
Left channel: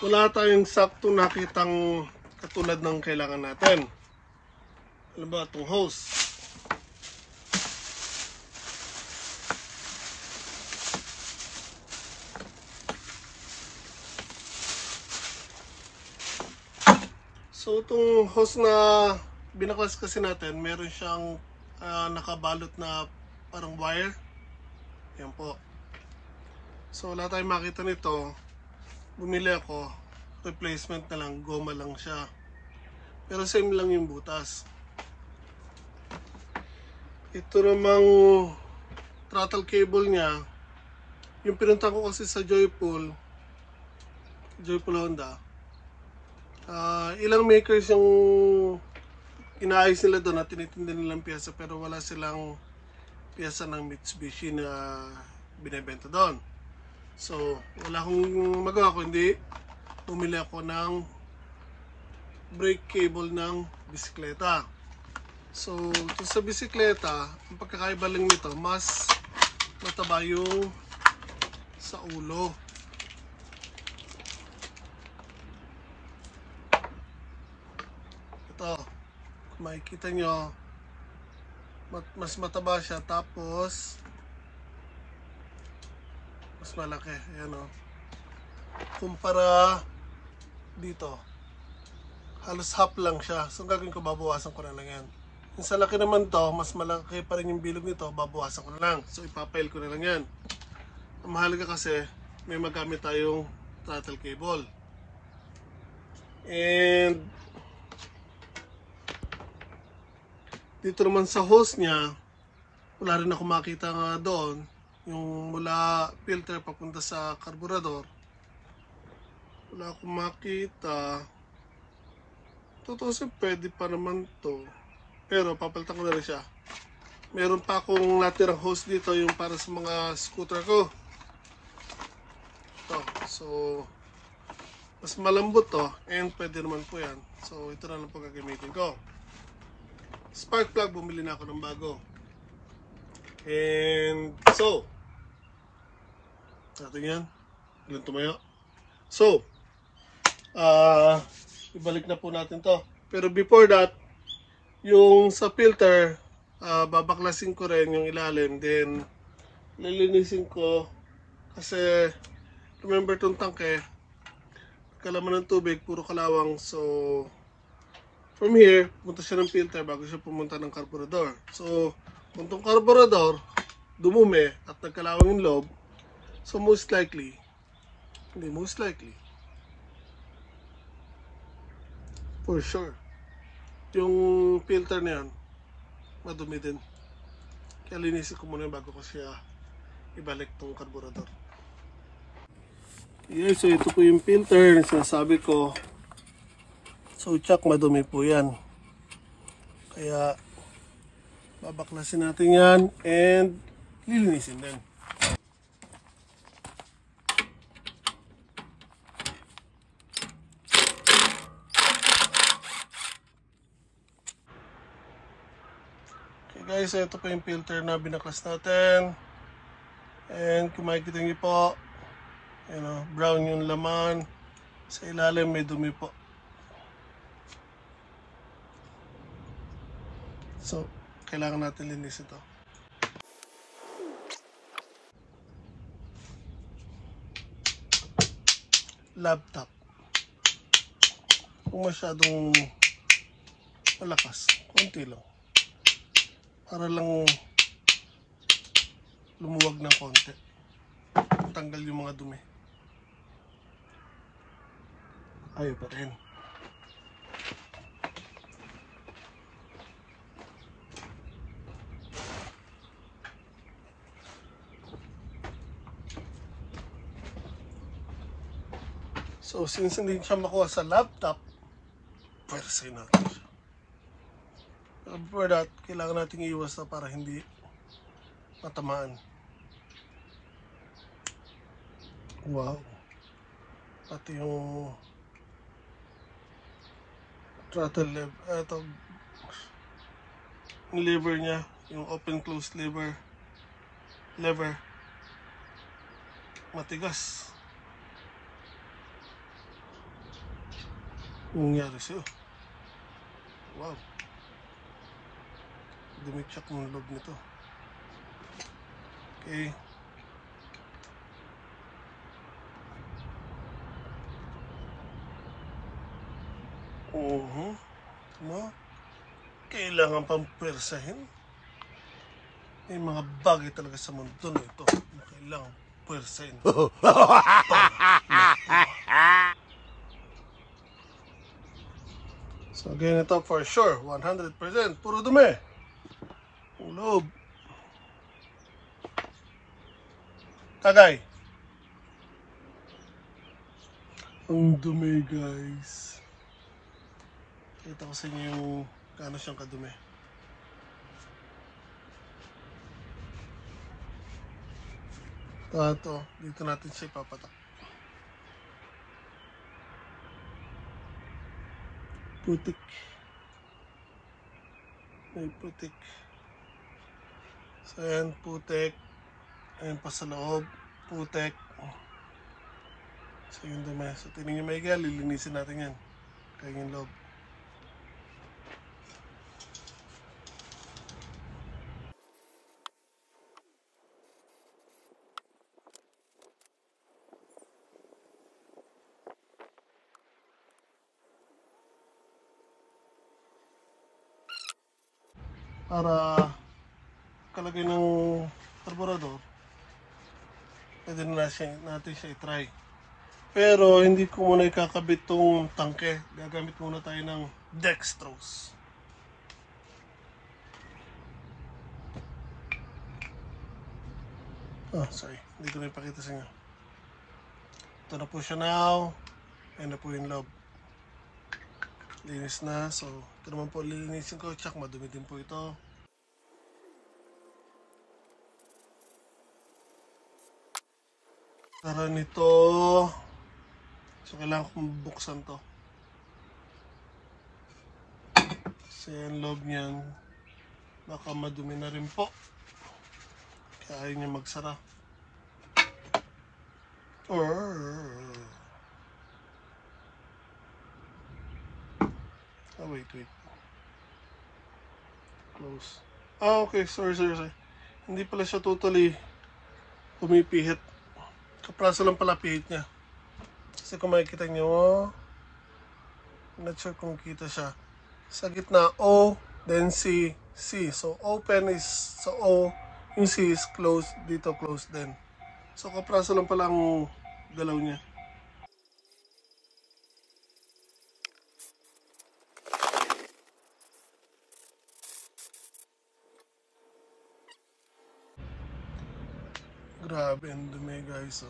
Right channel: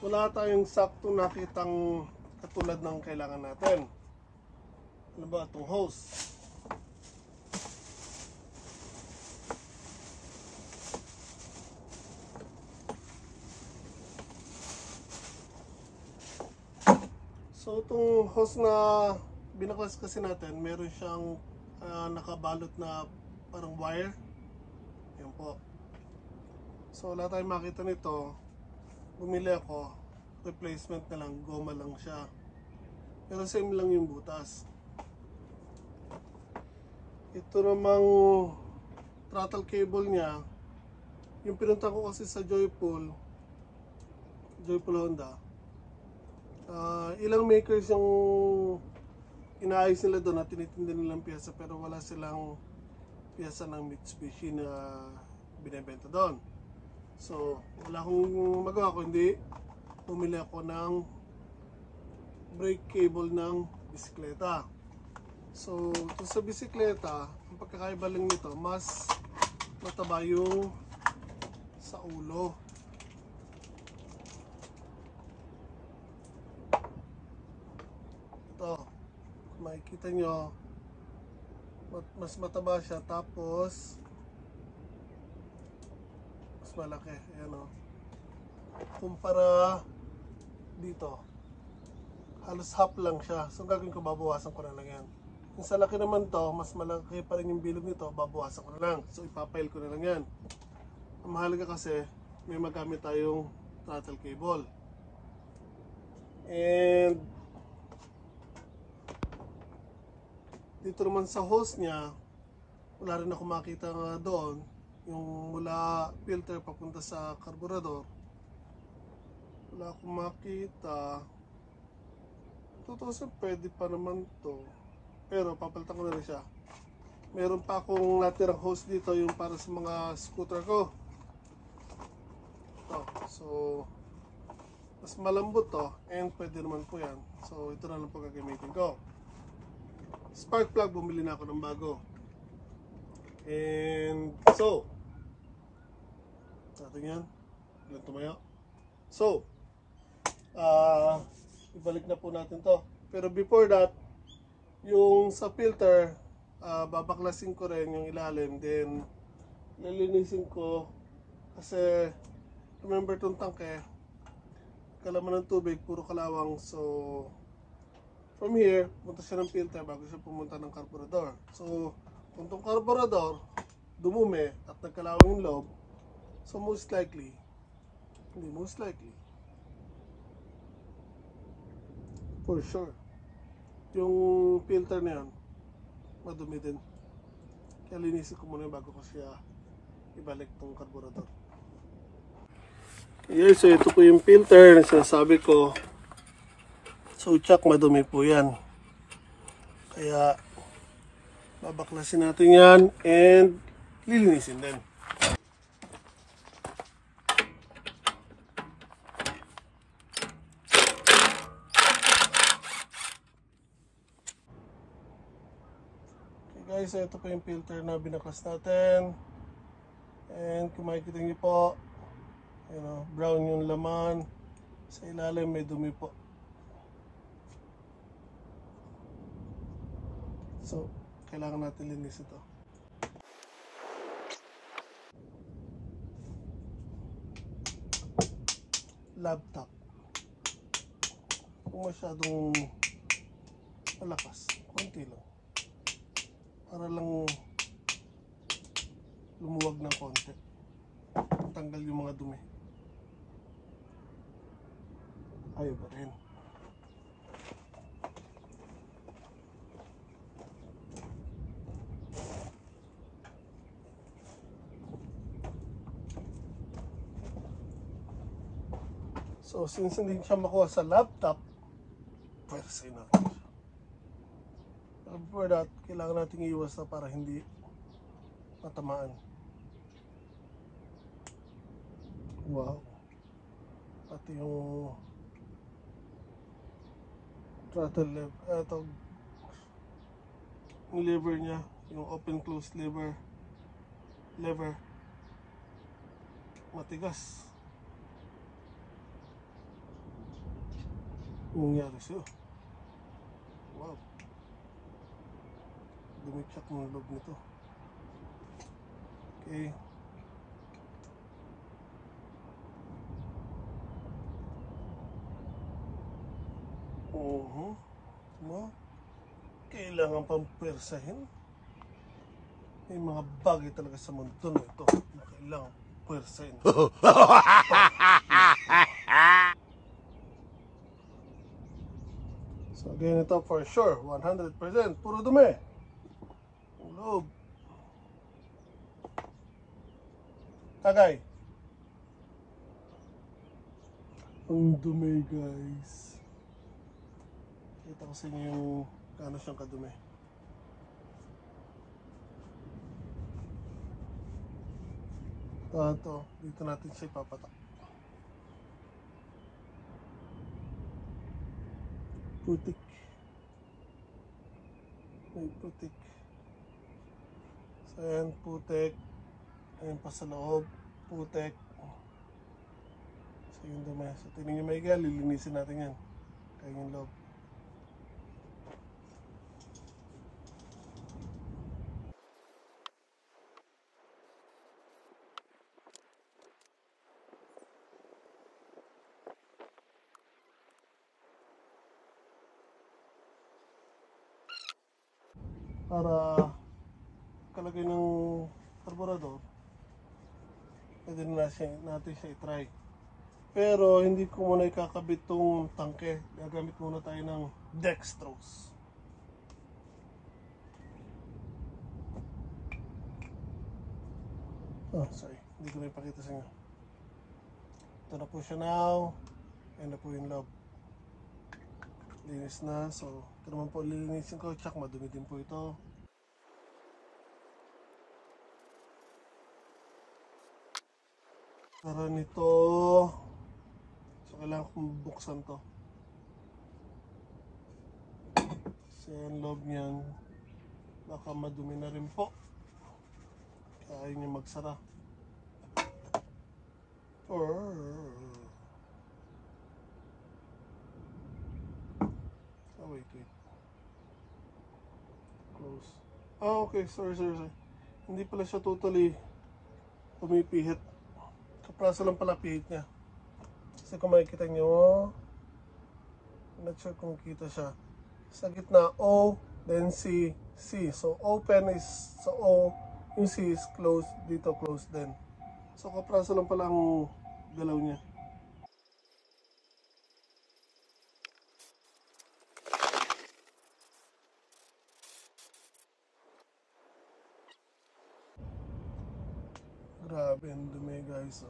wala tayong sakto nakitang katulad ng kailangan natin. Ano ba itong hose? So itong hose na binaklas kasi natin, meron siyang nakabalot na parang wire. Yan po. So wala tayong makita nito. Bumili ako, replacement na lang, goma lang siya. Pero same lang yung butas. Ito namang throttle cable niya, yung pinunta ko kasi sa Joyful Honda. Ilang makers yung inaayos nila doon at tinitinda nilang piyesa, pero wala silang piyesa ng Mitsubishi na binibenta doon. So wala akong magawa kundi bumili ako ng brake cable ng bisikleta. So ito sa bisikleta, ang pagkakaiba lang nito, mas mataba yung sa ulo. Ito, kung makikita nyo, mas mataba siya, tapos mas malaki. Ayan o. Kumpara dito, halos half lang siya. So gagawin ko, babawasan ko na lang yan. Yung sa laki naman to, mas malaki pa rin yung bilog nito, babawasan ko na lang. So ipapail ko na lang yan. Ang mahalaga kasi, may magamit tayong throttle cable. And dito naman sa hose niya, wala rin ako makita nga doon. Yung mula filter papunta sa carburetor, wala akong makita. Totoo siya, pwede pa naman to, pero papalitan ko na rin siya. Meron pa akong natirang hose dito, yung para sa mga scooter ko. Ito, so mas malambot to, and pwede naman po yan. So ito na lang po gagamitin ko. Spark plug, bumili na ako ng bago. And so natin yan, doon tumayo. So ibalik na po natin to. Pero before that, yung sa filter, babaklasin ko rin yung ilalim, then lilinisin ko kasi remember itong tangke, kalaman ng tubig, puro kalawang. So from here, punta siya ng filter bago siya pumunta ng carburetor. So kung itong carburetor dumumi at nagkalawang yung loob, so most likely, for sure, yung filter na yan madumi din. Kaya linisin ko muna bago ko siya ibalik tong carburetor. Okay, so ito po yung filter na sinasabi ko. So check, madumi po yan. Kaya babaklasin natin yan and lilinisin din. Okay guys, ito po yung filter na binaklas natin. And kung makikita niyo po, brown yung laman. Sa ilalim may dumi po. So kailangan natin linis ito. Laptop, kung masyadong malakas, konti lang, para lang lumuwag ng konti, tanggal yung mga dumi. Ayaw pa rin. So since hindi siya makuha sa laptop, pwersahin natin siya. For that, kailangan natin iwas na para hindi matamaan. Wow. Pati yung throttle lever niya, yung open close lever matigas. Nangyari sa'yo. Wow. Dumitsak ng loob nito. Okay. No? Kailangan pang pwersahin. May mga bagay talaga sa mundo na ito na kailangan pwersahin. So again, ito for sure, 100%, puro dumi. Ang loob. Tagay. Ang dumi, guys. Kita ko sa inyo yung gaano siyang kadumi. Ito, dito natin siya ipapatak. Putik. May putik. So ayan, putik. Ayan pa sa loob. Putik. So yun dumi. So tingnan nyo maiga, lilinisin natin yan. Kaya yung loob. Para kalagay ng karburador, pwede na natin siya i-try. Pero hindi ko muna ikakabit tong tangke. Gagamit muna tayo ng dextrose. Sorry, hindi ko na ipakita sa inyo. Ito na po siya now. Ayan na po yung loob. Linis na. So ito naman po lilinisin ko. Tsak, madumi din po ito. Tara nito. So kailangan kong buksan to. Kasi yung loob niyan baka madumi na rin po. Kaya ayaw niya magsara. Wait. Close. Okay, sorry. Hindi pala siya totally pumipihit. Kapraso lang pala pihit niya. Kasi kung makikita nyo, not sure kung kita siya. Sa gitna, O, then C. So open is sa O, yung C is closed, dito closed din. So kapraso lang pala ang galaw niya. Grabe ang dumi, guys.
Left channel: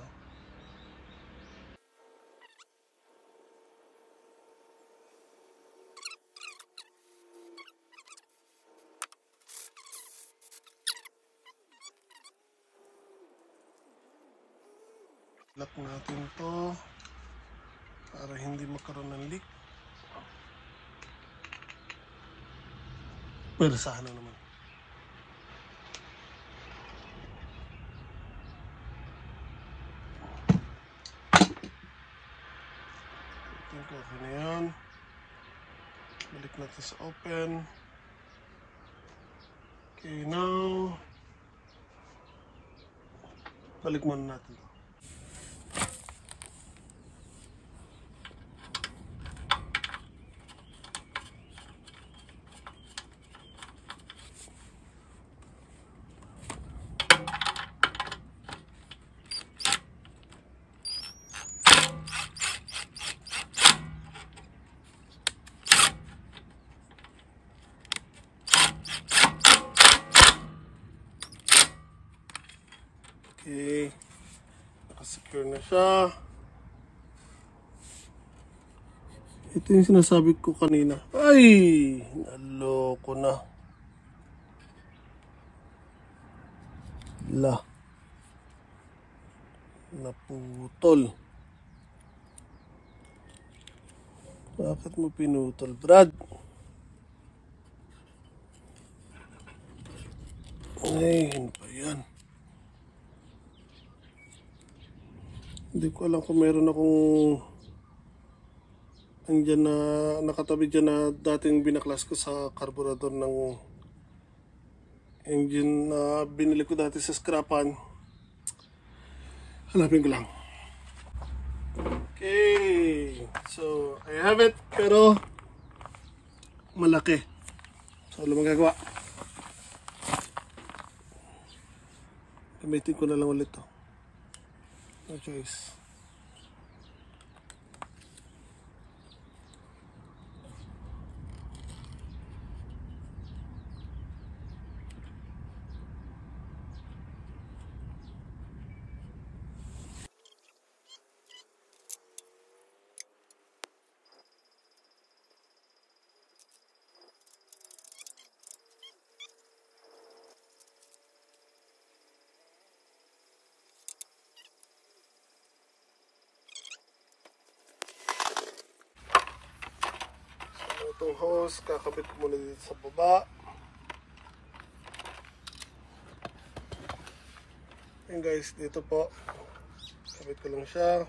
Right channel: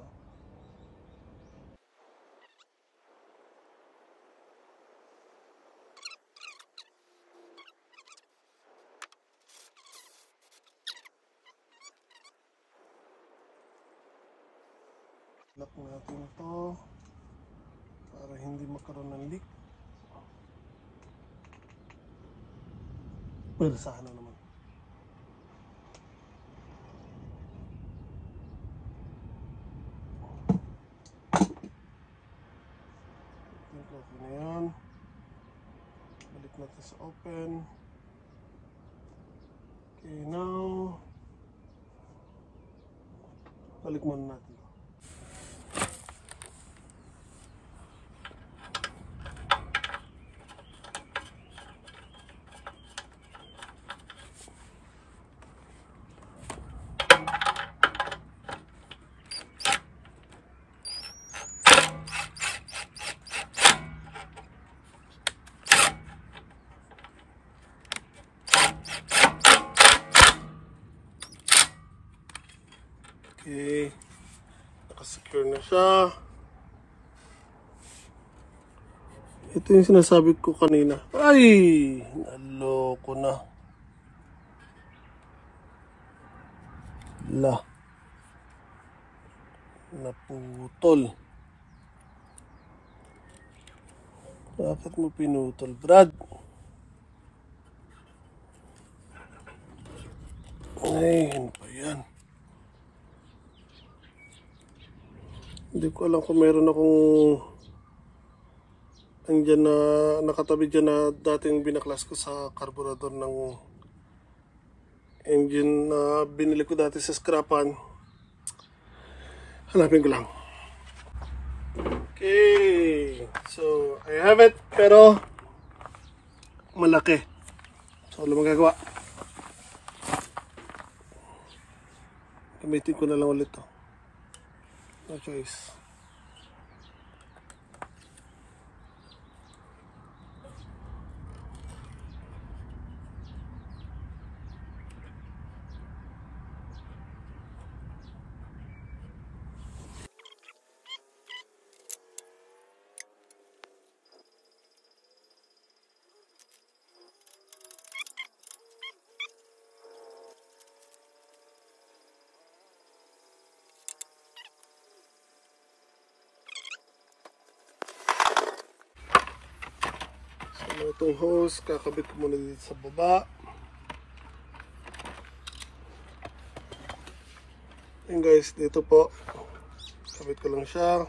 Lock natin to para hindi magkaroon ng leak. Persahan na naman. Okay na yan. Balik natin sa open. Okay, now balik muna natin. Okay, nakasecure na siya. Ito yung sinasabi ko kanina. Ay! Naloko na. Naputol. Bakit mo pinutol, Brad? Ay, ano ba yan? Hindi ko alam kung meron akong andyan na nakatabi dyan na dating binaklas ko sa carburetor ng engine na binili ko dati sa scrapan. Hanapin ko lang. Okay, so I have it, pero malaki. So ano magagawa? Gamitin ko na lang ulit to. No choice. Itong hose, kakabit ko muna dito sa baba. Ayan guys, dito po. Kabit ko lang siya.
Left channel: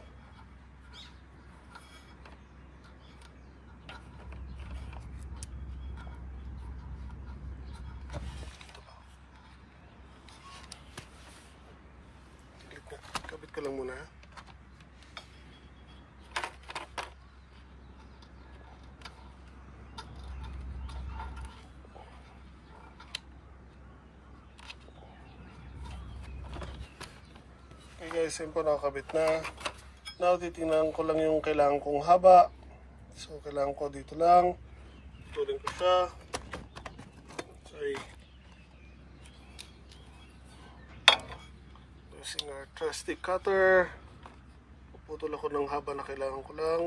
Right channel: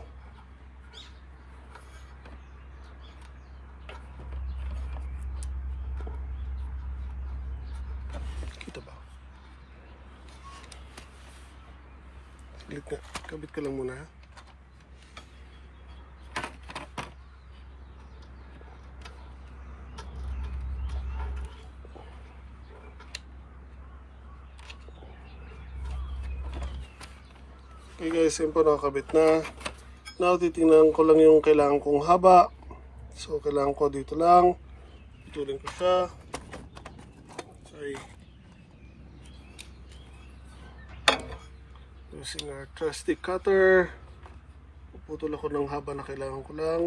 Kita ba? Ulit na. Kabit ko lang muna. Okay guys, yun po nakakabit na. Now, titingnan ko lang yung kailangan kong haba. So, kailangan ko dito lang. Putulin ko siya. Sorry. Using our trusty cutter. Puputol ako ng haba na kailangan ko lang.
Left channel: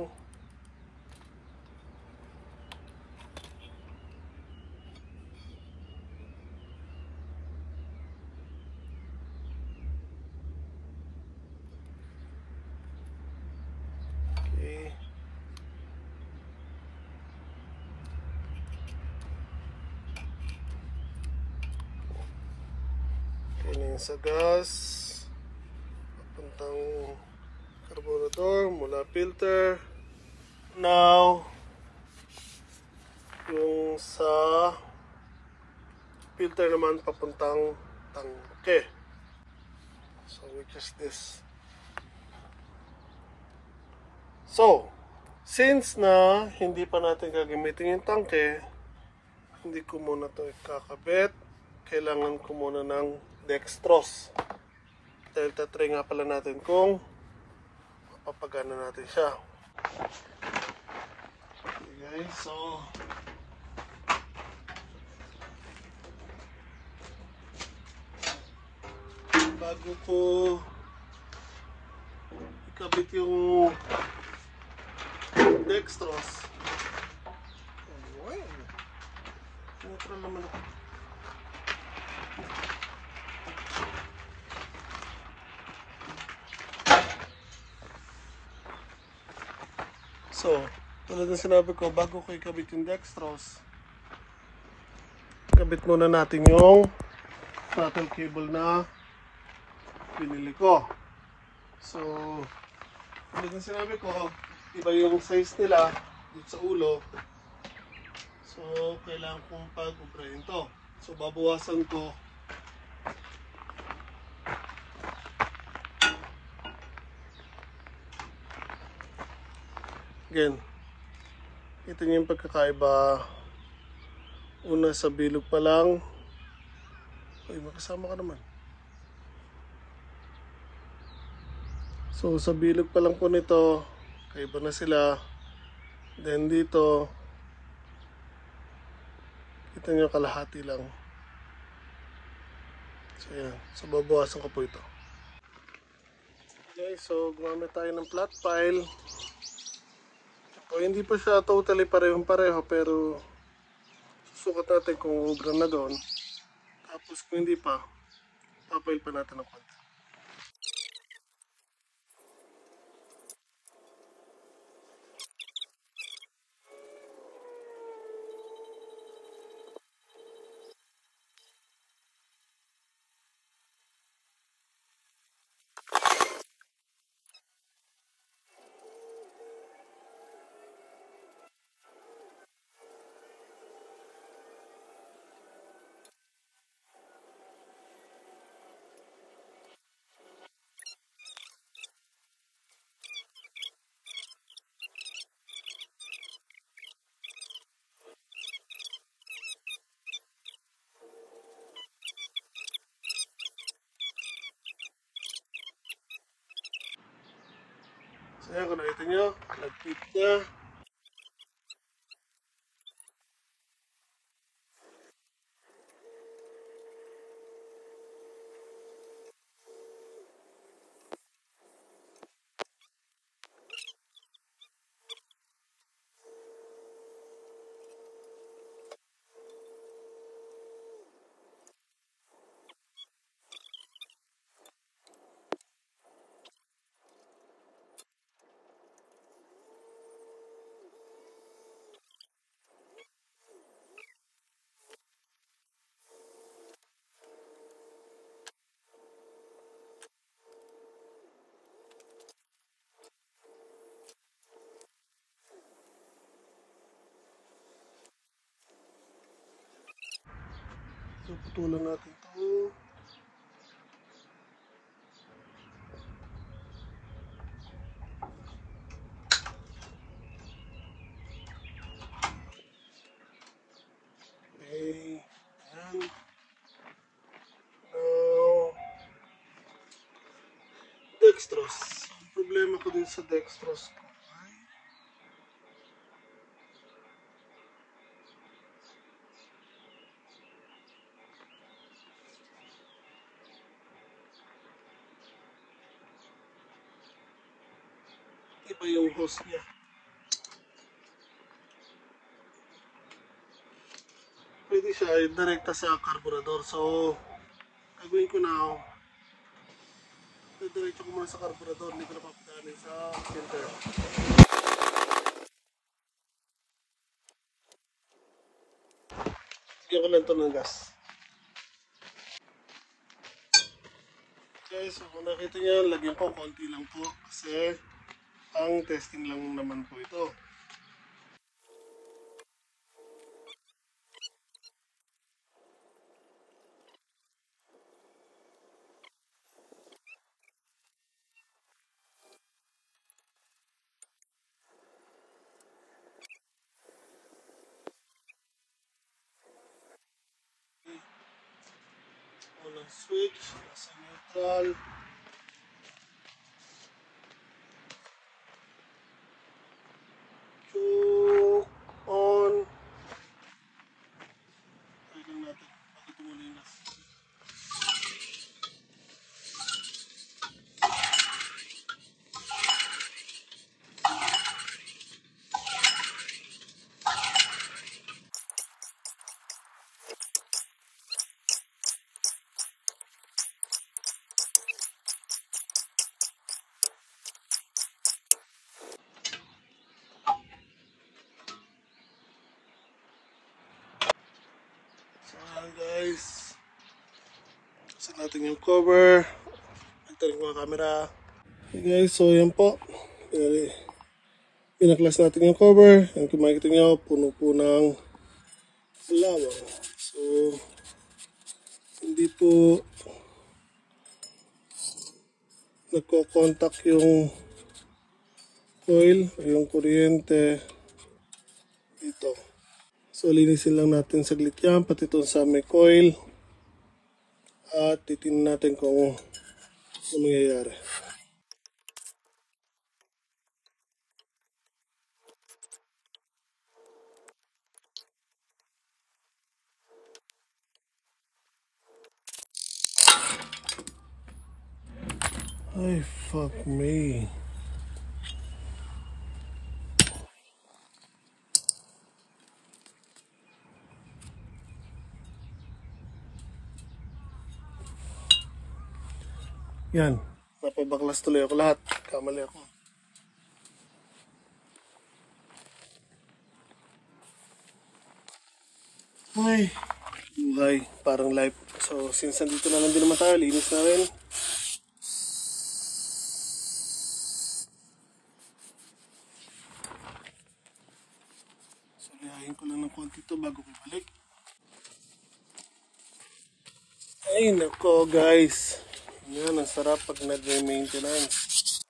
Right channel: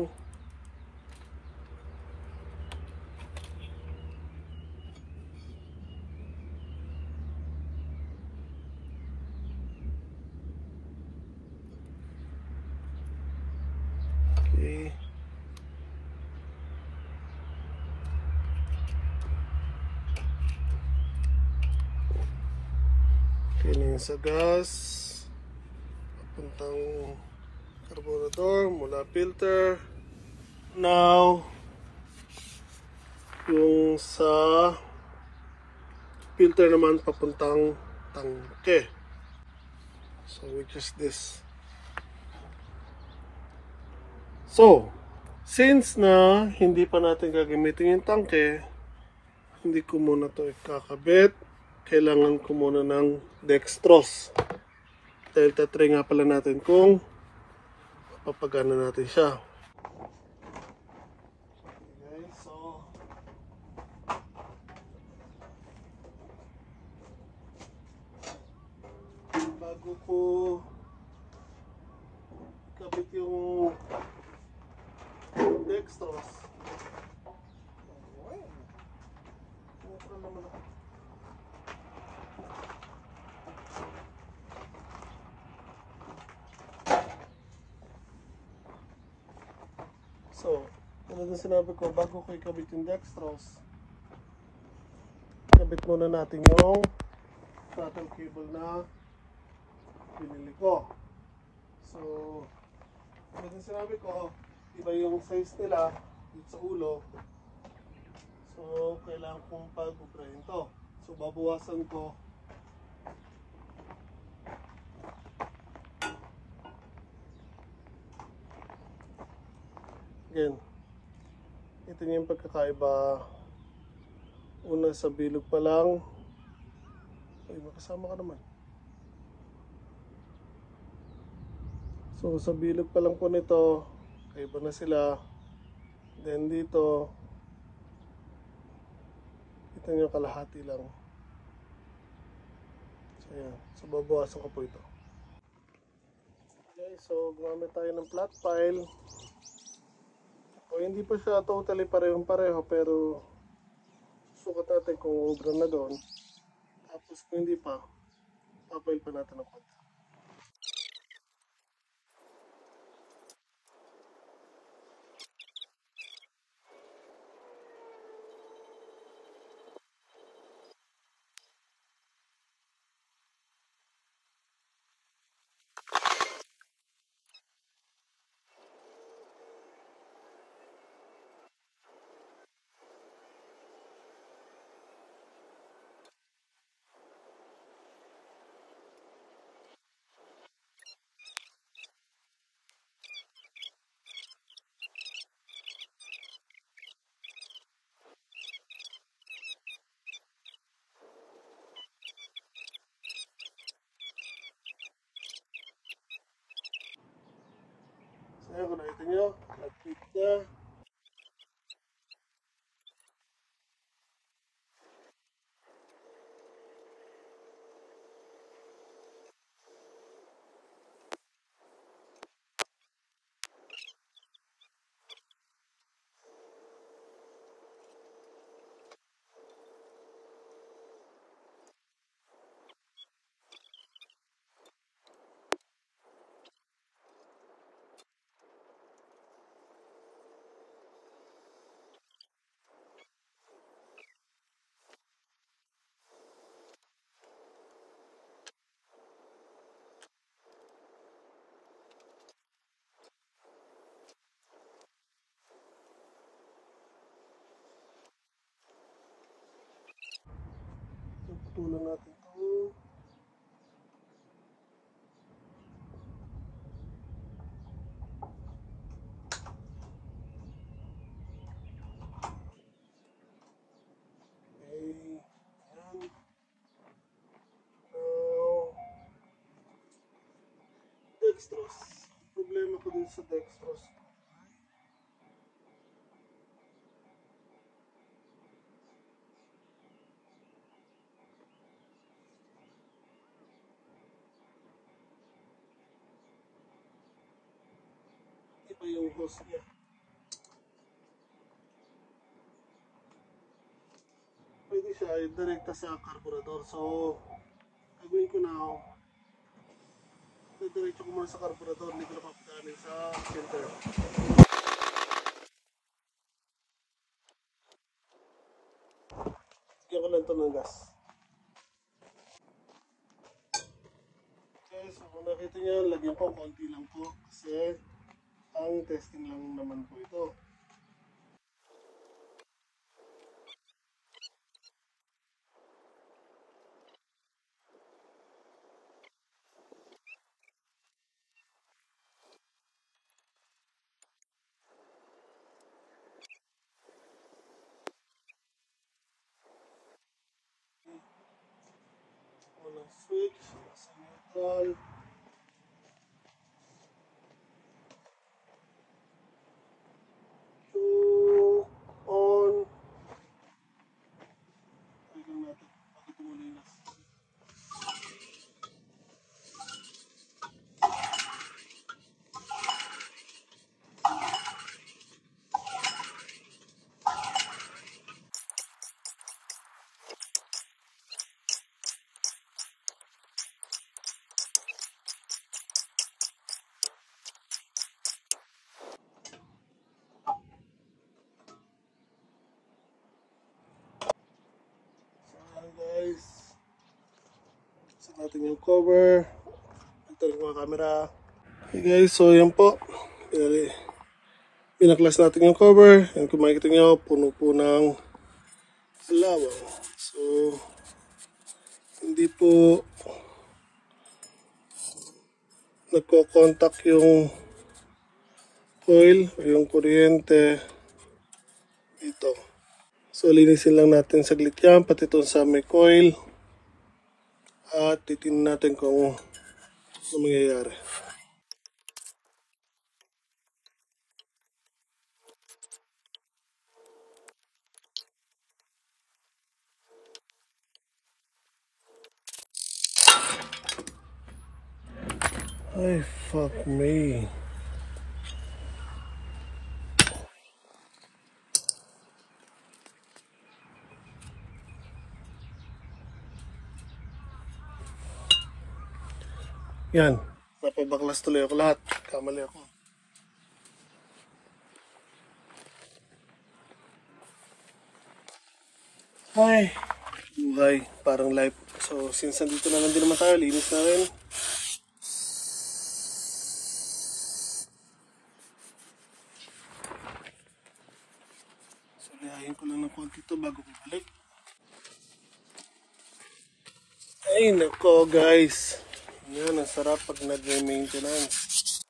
Okay. Okay na yun sa gas. Papuntang carburetor mula filter. Now, yung sa filter naman papuntang tangke. So, which is this. So, since na hindi pa natin gagamitin yung tangke, hindi ko muna ito ikakabit. Kailangan ko muna ng dextrose. Dahil tatry nga pala natin kung papagana natin siya. Okay guys, so bago ko ikabit yung dextrose, neutral naman ako. So, tulad ng sinabi ko, bago ko ikabit yung dextrose, kabit muna natin yung throttle cable na pinili ko. So, tulad ng sinabi ko, iba yung size nila dito sa ulo. So, kailangan kong pag-uprayin to. So, babawasan ko again. Ito yung pagkakaiba. Una sa bilog pa lang. Ay, makasama ka naman. So, sa bilog pa lang po nito, kaiba na sila. Then dito, kita nyo kalahati lang. So, yan. So, babawasan ko po ito. Okay, so gumamit tayo ng flat file. O hindi pa siya totally parehong-pareho pero susukat natin kung ubra na doon. Tapos kung hindi pa, papail pa natin ng konti. So yan, kung nakita nyo, nag-fit niya. So putulan natin to. Okay. Ayan. Now, dextrose. Problema ko din sa dextrose ko. Iba yung hose niya. Pwede siya direkta sa carburetor. So, gagawin ko na, diretso ko muna sa carburetor. Hindi ko na papadaanin sa filter. Bigyan ko lang ito ng gas. Okay, so kung nakita nyo, lagyan ko konti lang po. Kasi, ang testing lang naman po ito. Unang switch, nasa neutral. Choke on. Try lang natin bago tumulinas. So ayan guys. Sa natin yung cover. Nagtaring ko ang camera. Okay guys, so yan po. Pinaklas natin yung cover. Yan kung makikita nyo, puno po ng lawang. So, hindi po nagko-contact yung coil o yung kuryente dito. So, linisin lang natin saglit yan, pati ito sa may coil. At titingnan natin kung ano mangyayari. Ay, fuck me. Yan. Napabaklas tuloy ako lahat. Kamali ako. Ay, buhay. Parang life. So, since nandito naman din naman tayo, linis namin. So, lihahin ko lang ng konti ito bago ko balik. Ay, nako guys. Yan, ang sarap pag nag-maintenance.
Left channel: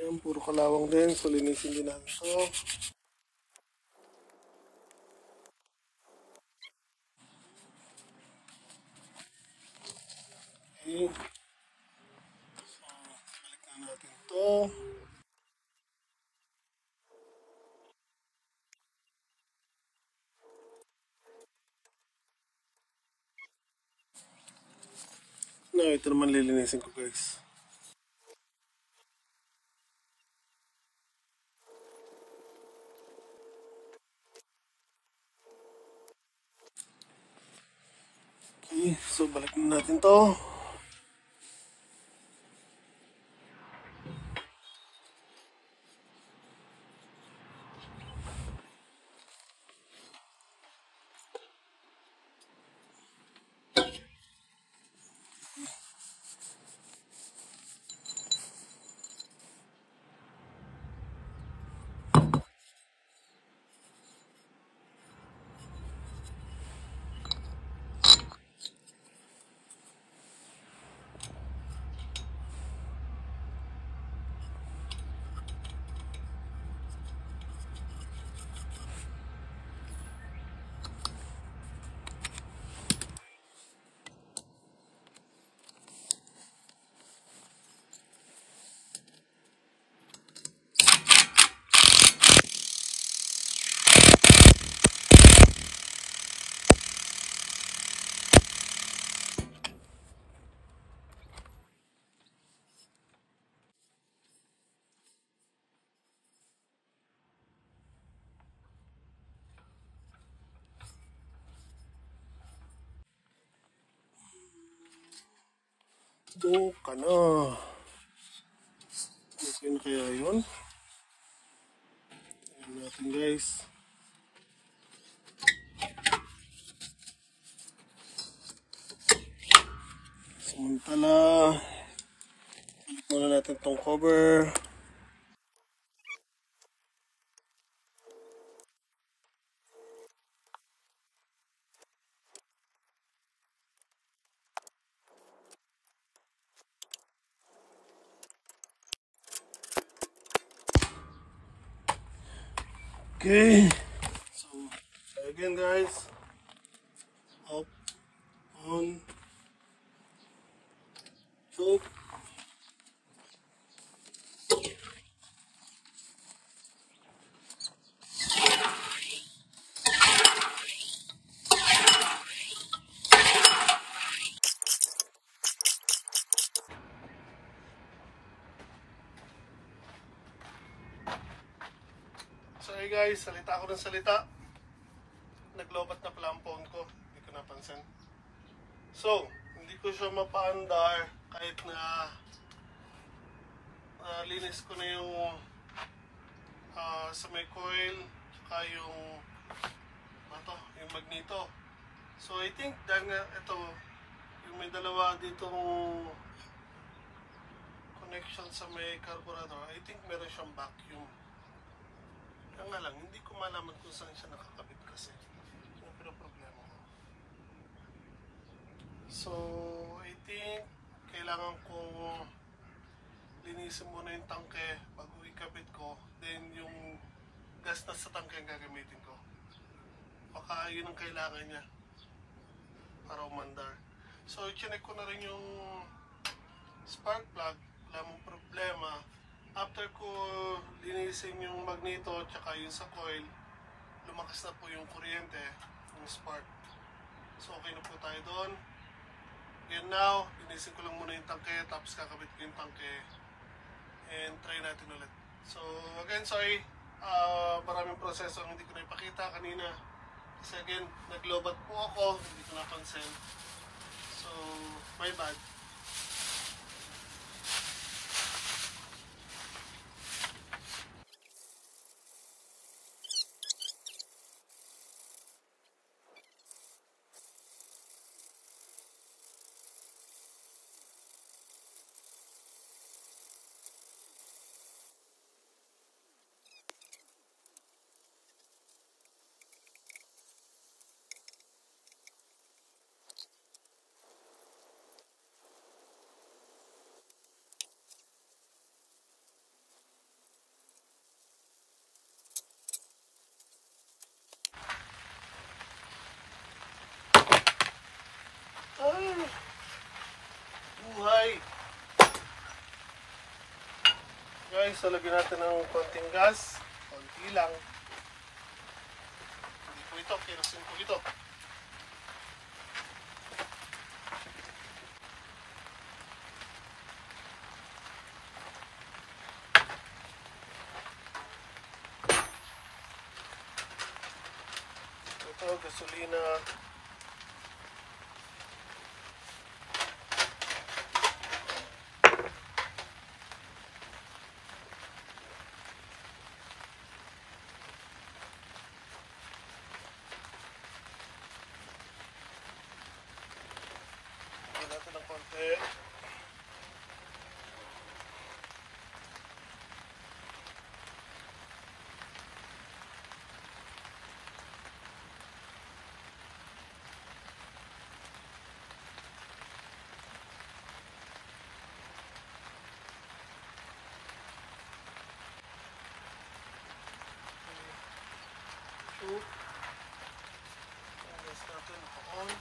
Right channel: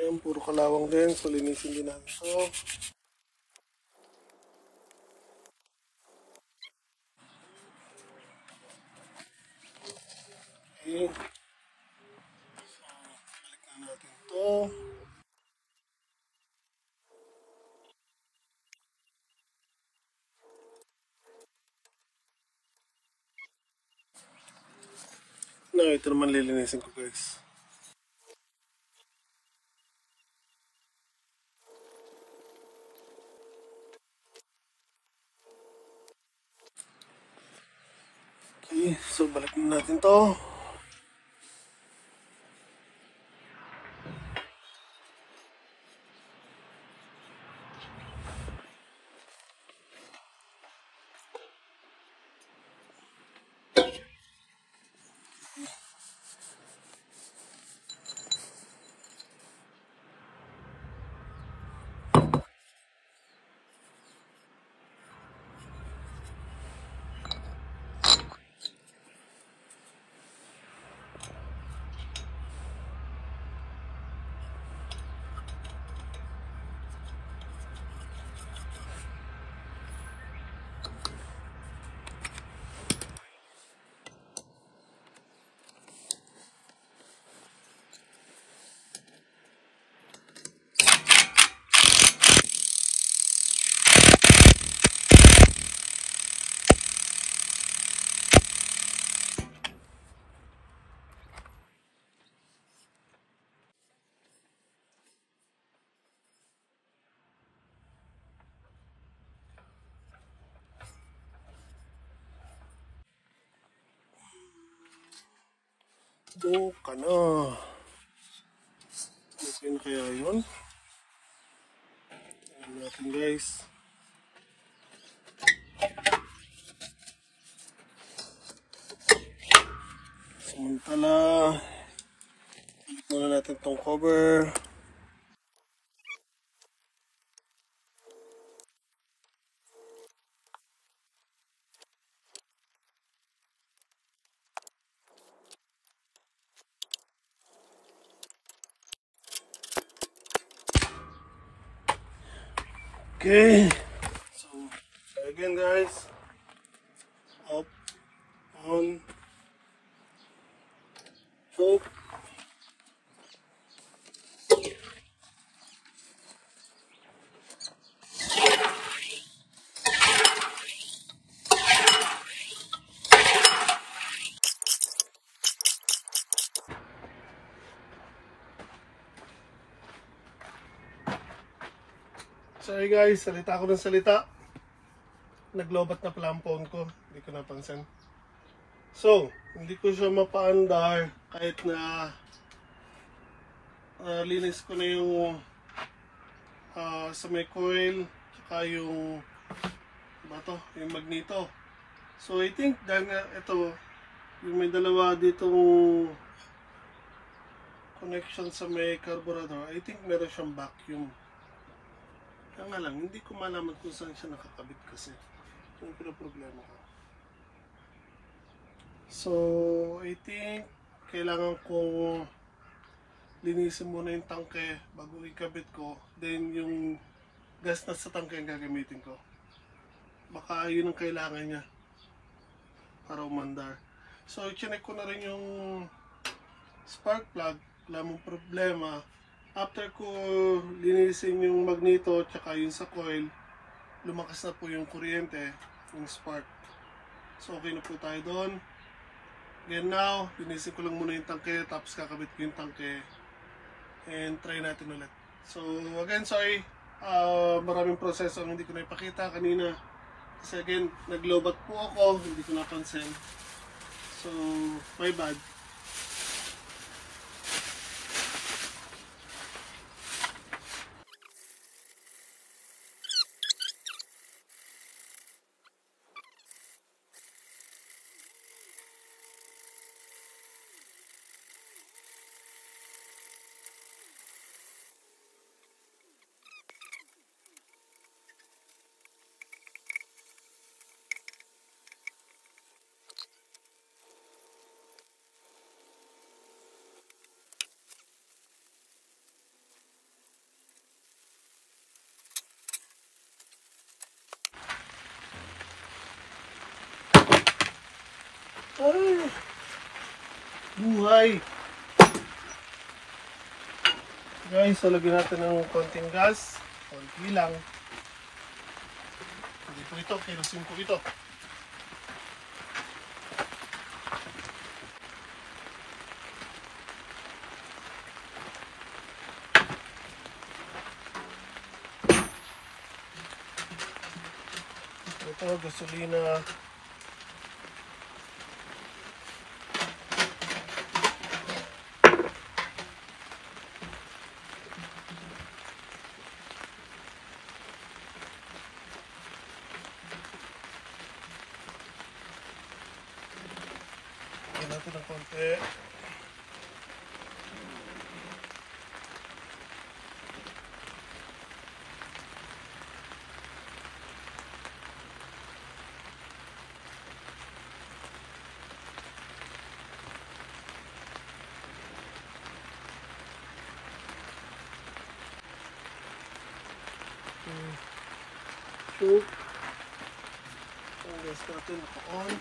Ayan, puro kalawang din. So, linisin din namin ito. Okay. So, balik na natin ito. No, ito naman lilinisin ko guys. Okay, so balik na natin to. Go ka na. Okay na kaya yun? Tingnan natin guys. Samantala, balik muna natin itong cover. Okay, so again guys, up, on, choke. Sorry guys, salita ako ng salita. Naglobat na pala ang phone ko. Hindi ko napansin. So, hindi ko siya mapaandar kahit na linis ko na yung sa may coil tsaka yung yung magneto. So, I think dahil nga ito, yung may dalawa ditong connection sa may carburetor, I think meron siyang vacuum. Kaya nga lang, hindi ko malaman kung saan siya nakakabit kasi. Yung pinaproblema ko. So, I think kailangan kong linisin muna yung tangke bago ikabit ko. Then, yung gas na sa tangke ang gagamitin ko. Baka yun ang kailangan niya para umandar. So, chinek ko na rin yung spark plug. Wala mong problema. After ko linisin yung magneto tsaka yung sa coil, lumakas na po yung kuryente, yung spark. So okay na po tayo doon. Then now, linisin ko lang muna yung tangke, tapos kakabit ko yung tangke. And try natin ulit. So again, sorry, maraming proseso ang hindi ko na ipakita kanina. Kasi again, naglobat po ako, hindi ko napansin. So, my bad. Ay, buhay! Guys, so lagyan natin ng konting gas. Konti lang. Hindi po ito, kilosin po ito. Ito, gasolina. Lagyan natin ng konti. So, ang gas natin naka-on.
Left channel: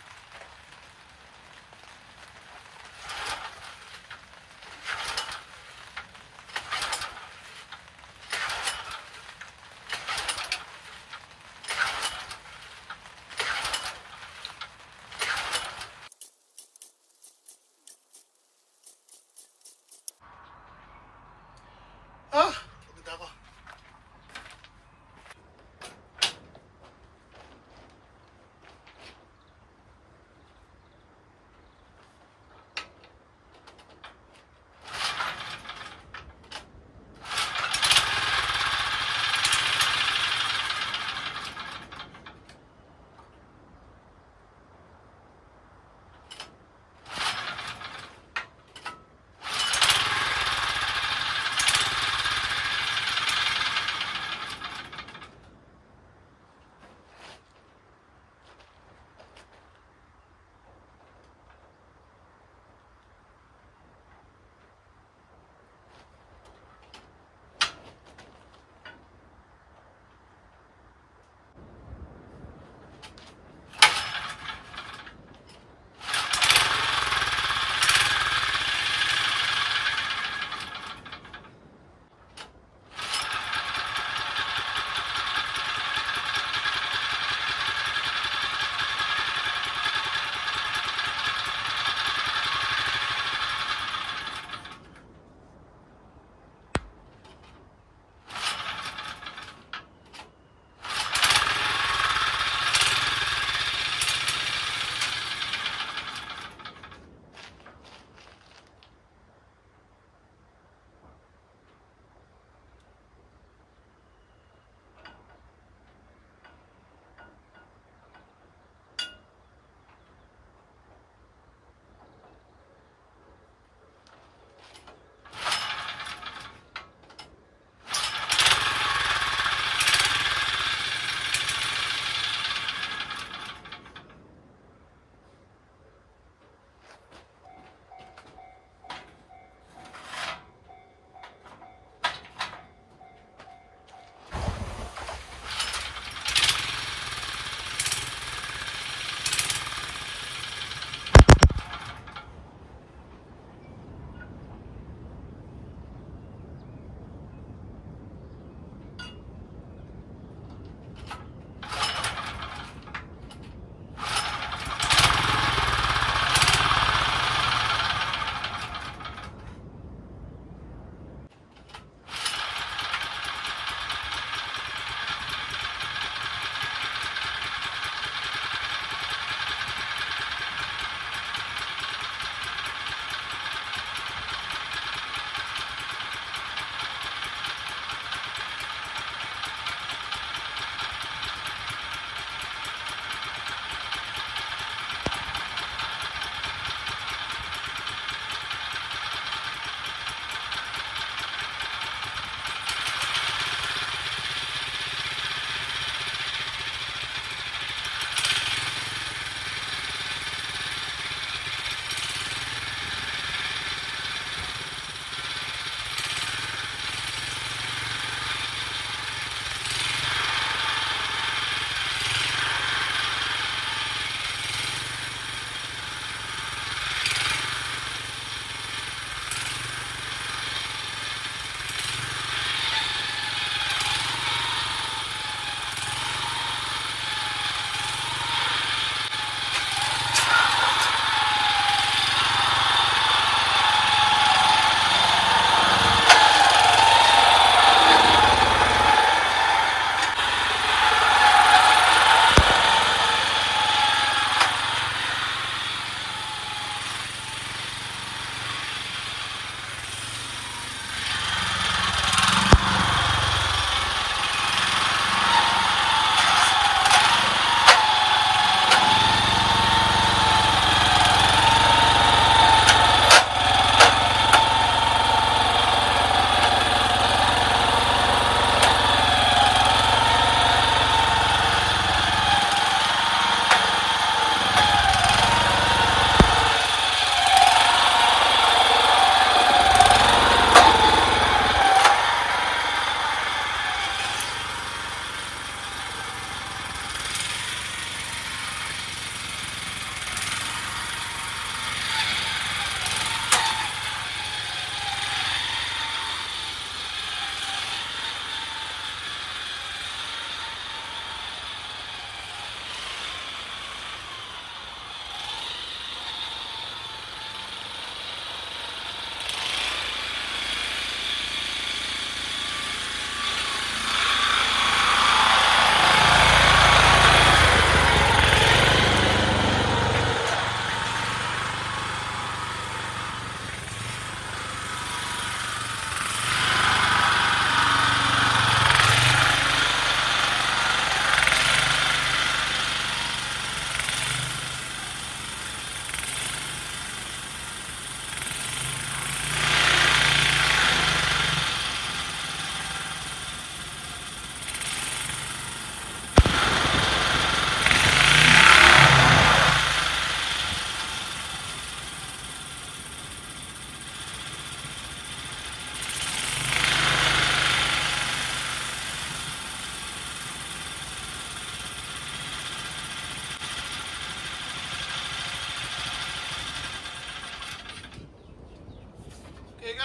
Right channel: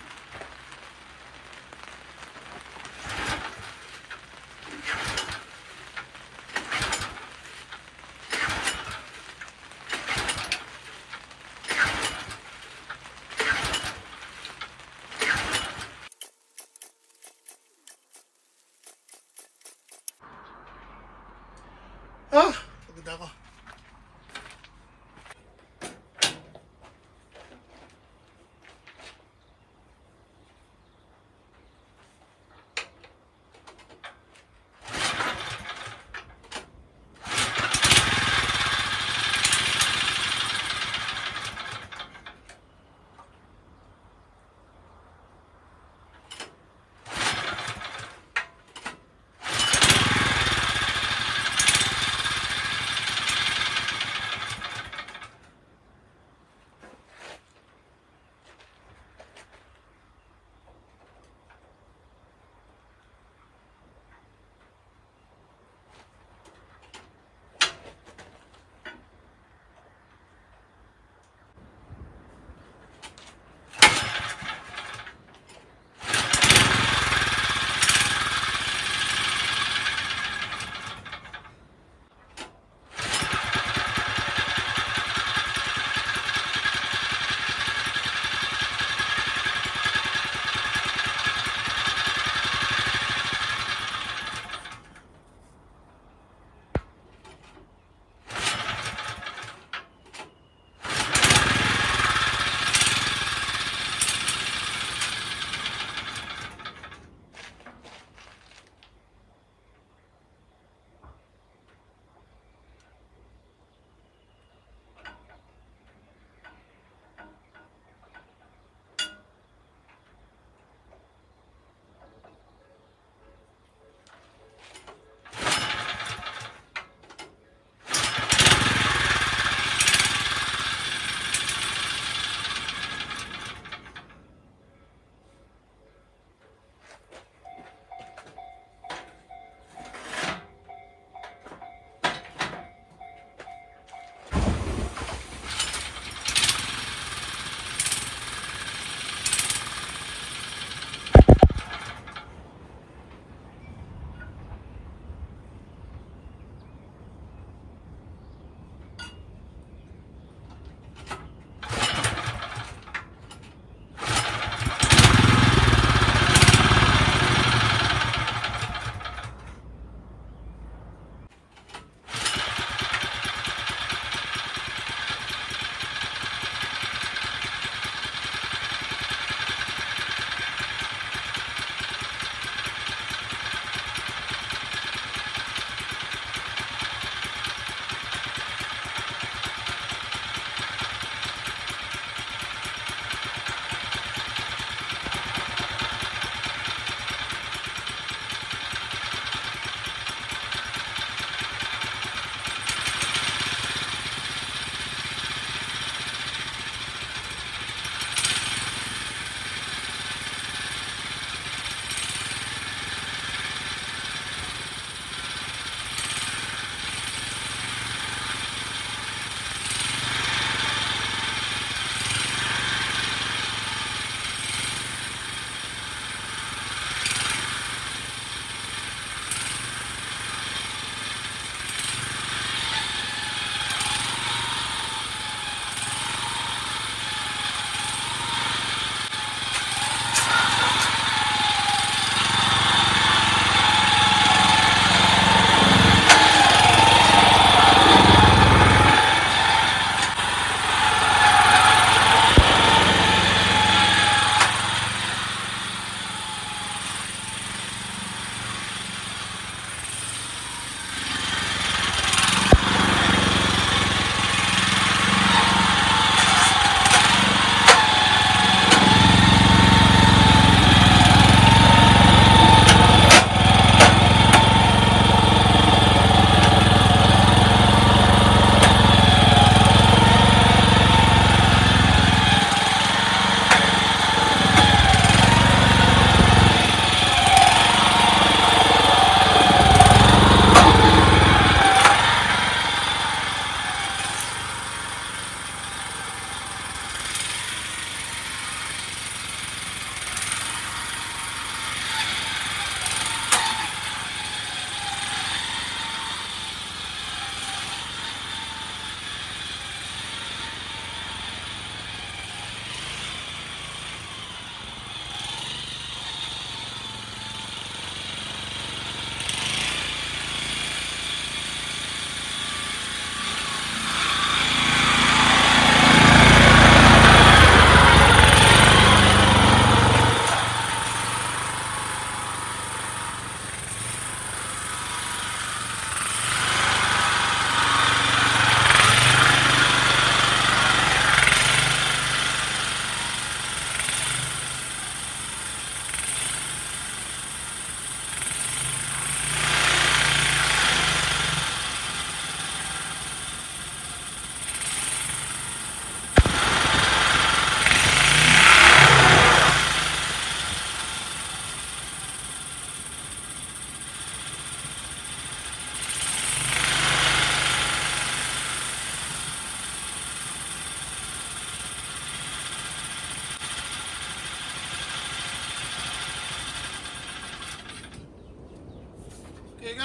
Ah! Pagod ako.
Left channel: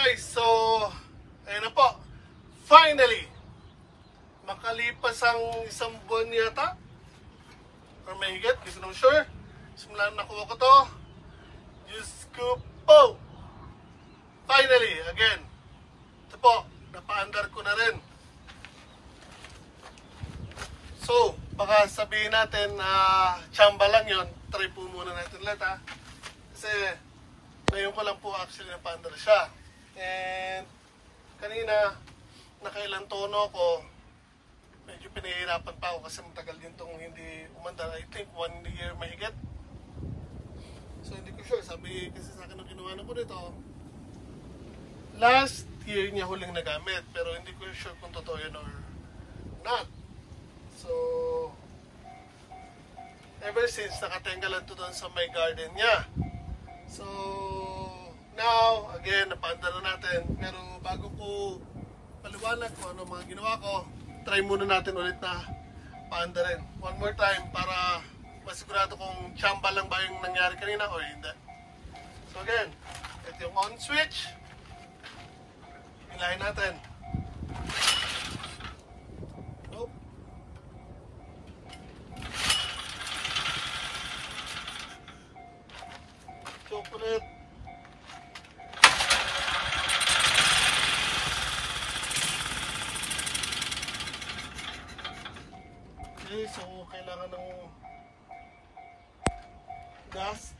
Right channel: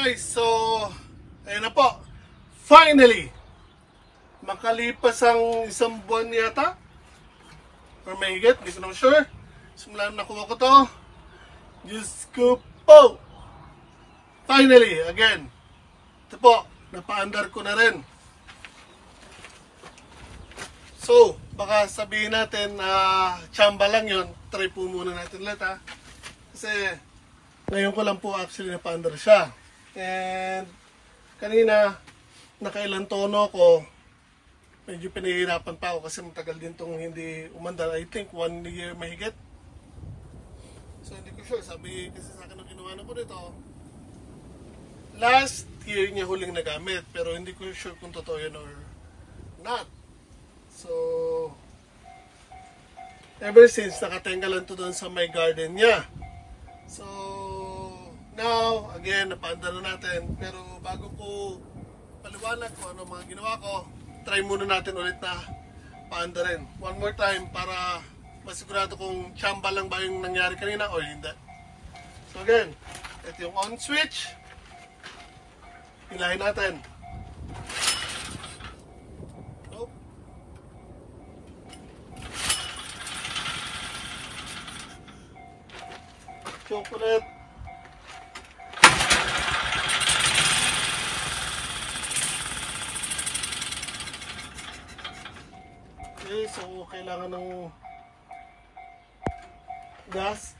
guys, so ayun na po. Finally, makalipas ang isang buwan yata or mahigit, hindi ko na sure. Simula na nakuha ko to. Diyos ko po. Finally, again. Ito po, napa-under ko na rin. So, baka sabihin natin na tsamba lang yun. Try po muna natin ulit ha. Kasi ngayon ko lang po actually napa-under siya. And kanina, nakailang tono ko. Medyo pinahihirapan pa ako kasi matagal din itong hindi umandar. I think 1 year mahigit. So hindi ko sure. Sabi kasi sa akin ang ginawa na ko dito. Last year niya huling nagamit. Pero hindi ko sure kung totoo yun or not. So ever since nakatenga lang to doon sa my garden niya. So now, again, napaandar na natin. Pero bago ko paliwanag ko ano mga ginawa ko, try muna natin ulit na paandarin. One more time para masigurado kung tsamba lang ba yung nangyari kanina o hindi. So again, ito yung on switch. Hilahin natin. Oh. Chocolate. Okay, so kailangan ng gas.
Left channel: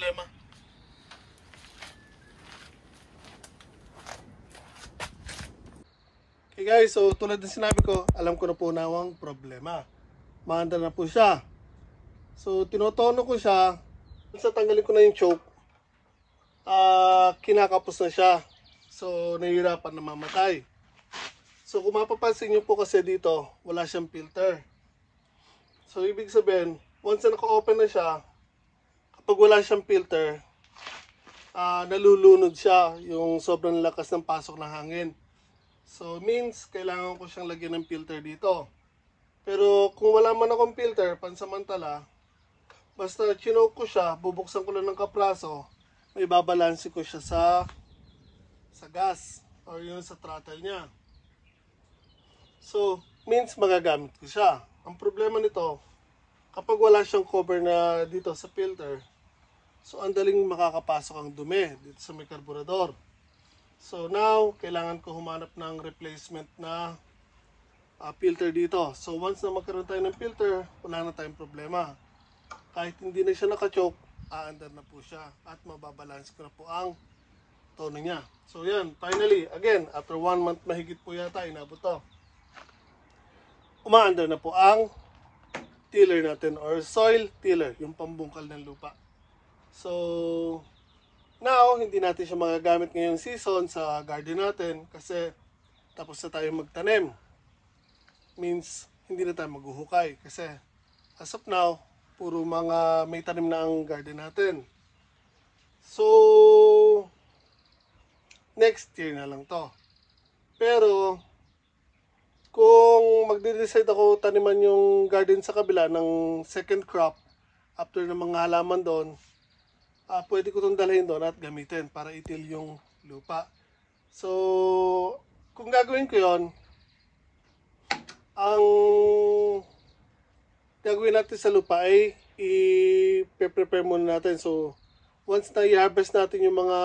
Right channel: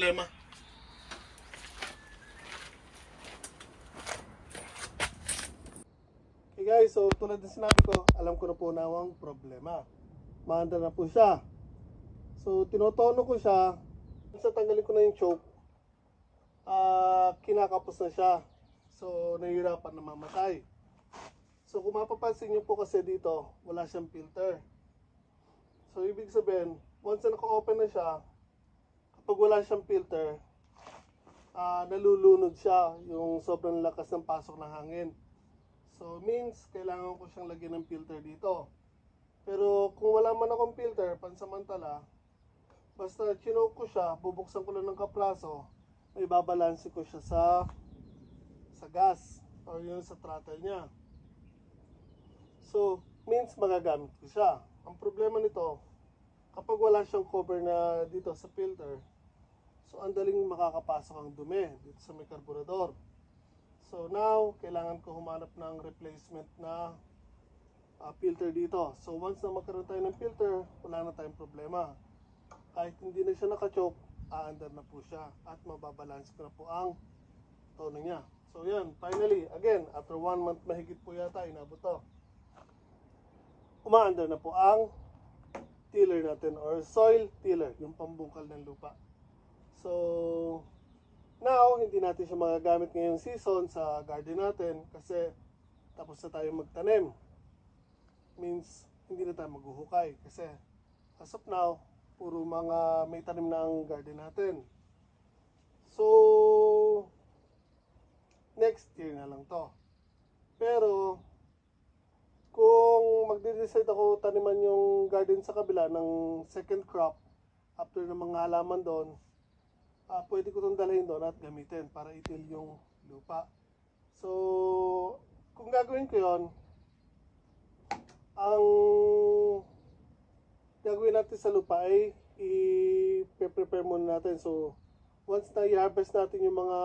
problema. Okay guys, so tulad ng sinabi ko, alam ko na po na ang problema. Maanda na po siya. So tinotono ko siya. Sa tanggalin ko na yung choke, kinakapos na siya. So nahihirapan na mamatay. So kung mapapansin nyo po kasi dito, wala siyang filter. So ibig sabihin, once na naka-open na siya, kapag wala siyang filter, nalulunod siya yung sobrang lakas ng pasok ng hangin. So means, kailangan ko siyang lagyan ng filter dito. Pero kung wala man akong filter, pansamantala, basta chinoke ko siya, bubuksan ko lang ng kapraso, may babalansi ko siya sa gas or yun sa throttle niya. So, means magagamit ko siya. Ang problema nito, kapag wala siyang cover na dito sa filter, so ang daling makakapasok ang dumi dito sa may karburador. So now, kailangan ko humanap ng replacement na filter dito. So once na magkaroon tayo ng filter, wala na tayong problema. Kahit hindi na siya naka-choke, aandar na po siya at mababalance ko na po ang tono niya. So yan, finally, again, after 1 month mahigit po yata, inabot to. Umaandar na po ang tiller natin or soil tiller, yung pambungkal ng lupa. So now, hindi natin siya magagamit ngayong season sa garden natin kasi tapos na tayo magtanim. Means, hindi na tayo maghuhukay kasi as of now, puro mga may tanim na ang garden natin. So, next year na lang to. Pero, kung magde-decide ako taniman yung garden sa kabila ng second crop after ng mga halaman doon, pwede ko itong dalhin doon at gamitin para itil yung lupa. So, kung gagawin ko yon, ang gagawin natin sa lupa ay i-prepare muna natin. So, once na i-harvest natin yung mga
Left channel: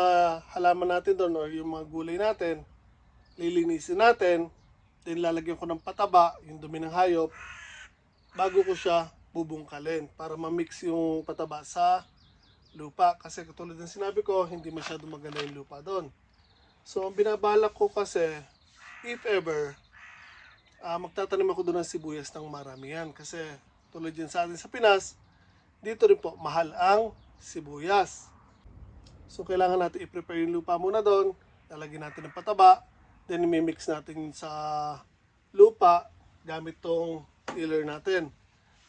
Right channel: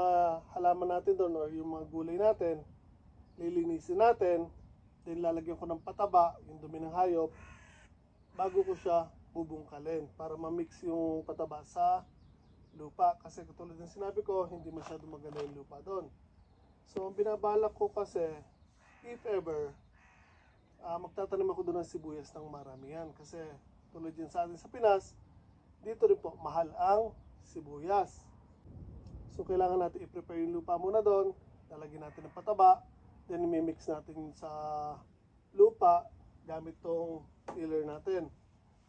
halaman natin doon or yung mga gulay natin, lilinisin natin, then lalagyan ko ng pataba, yung dumi ng hayop, bago ko siya bubungkalin para ma-mix yung pataba sa lupa. Kasi katulad ng sinabi ko, hindi masyado maganda yung lupa doon. So, ang binabalak ko kasi, if ever, magtatanim ako doon ng sibuyas ng maramihan. Kasi tulad yan sa atin sa Pinas, dito rin po mahal ang sibuyas. So, kailangan natin i-prepare yung lupa muna doon, lalagyan natin ng pataba, then i-mix natin sa lupa gamit tong tiller natin.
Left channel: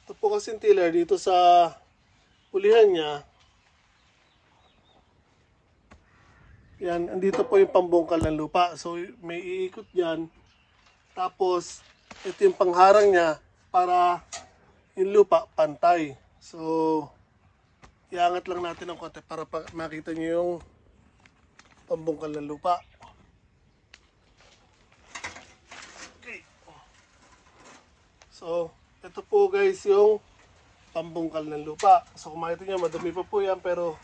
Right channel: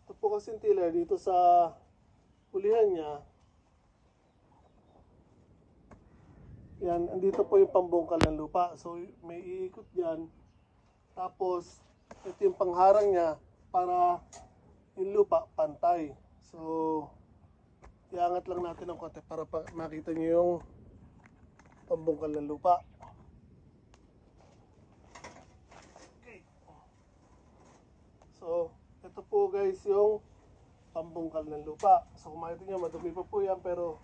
Ito po kasi tiller dito sa ulihan niya. Yan, andito po yung pambungkal ng lupa. So, may iikot yan. Tapos, ito yung pangharang niya para yung lupa pantay. So, iangat lang natin ng konti para makita nyo yung pambungkal ng lupa. Okay. So, ito po guys yung pambungkal ng lupa. So, kung makita nyo, madumi pa po yan pero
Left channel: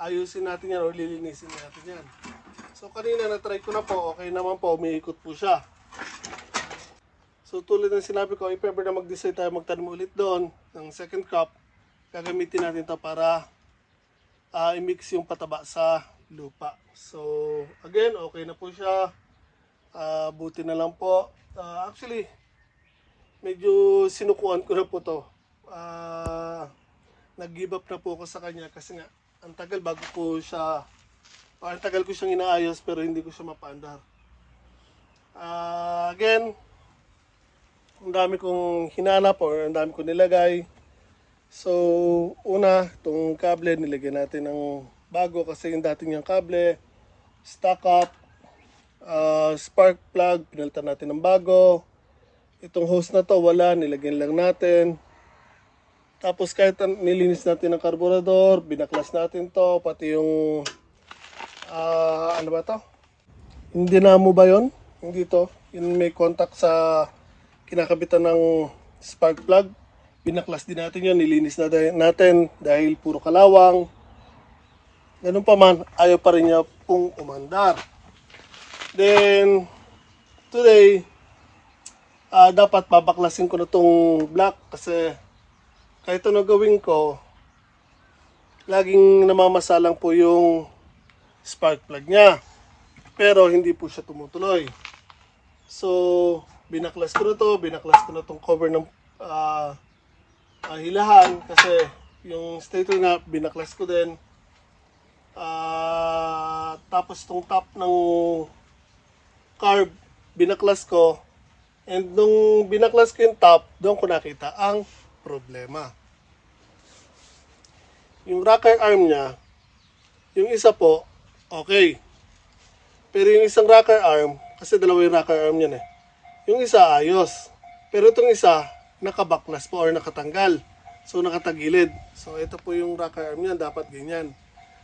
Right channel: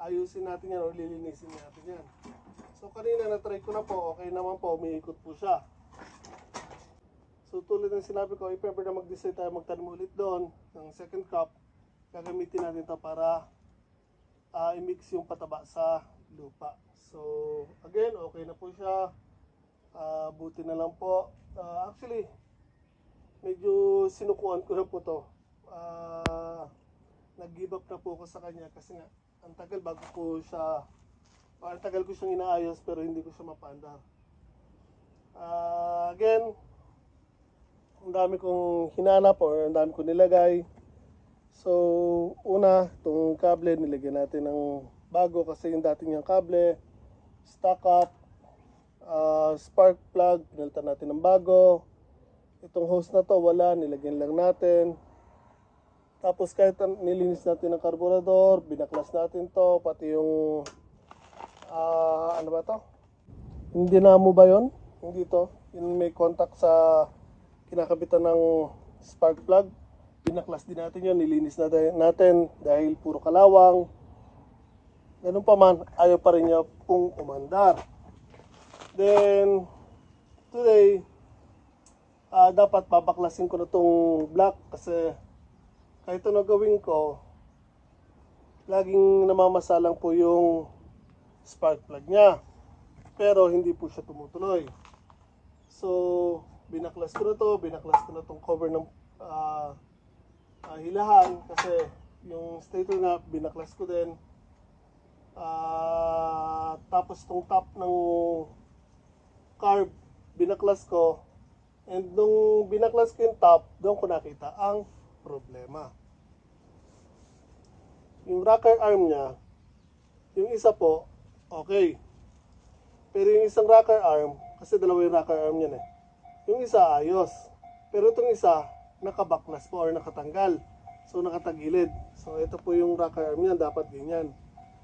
ayusin natin yan o lilinisin natin yan. So kanina na-try ko na po, okay naman po, umiikot po siya. So tulad ng sinabi ko, if ever na mag-decide tayo magtanim ulit doon ng second crop, gagamitin natin to para i-mix yung pataba sa lupa. So again, okay na po siya. Buti na lang po. Actually, medyo sinukuan ko na po to. Nag-give up na po ako sa kanya kasi nga ang tagal bago ko siya, ang tagal ko siyang inaayos pero hindi ko siya mapaandar. Again, ang dami kong hinanap or ang dami kong nilagay. So, una, itong kable nilagyan natin ng bago kasi yung dating niyang kable, stock up, spark plug, pinalitan natin ng bago. Itong hose na to, wala, nilagyan lang natin. Tapos kahit nilinis natin ang karburador, binaklas natin to, pati yung, ano ba to? Yung dinamo ba yun? Hindi to. Yung may contact sa kinakabitan ng spark plug. Binaklas din natin yun, nilinis natin dahil puro kalawang. Ganun pa man, ayaw pa rin niya pong umandar. Then, today, dapat babaklasin ko na tong black kasi kahit ano gawin ko, laging namamasalang po yung spark plug niya. Pero hindi po siya tumutuloy. So, binaklas ko na to, binaklas ko na tong cover ng hilahan kasi yung stator nga binaklas ko din. Tapos tong top ng carb binaklas ko, and nung binaklas ko yung top, doon ko nakita ang problema. Yung rocker arm niya, yung isa po okay, pero yung isang rocker arm, kasi dalawa yung rocker arm niyan yung isa ayos, pero itong isa nakabaklas po or nakatanggal, so nakatagilid. So ito po yung rocker arm niya, dapat ganyan.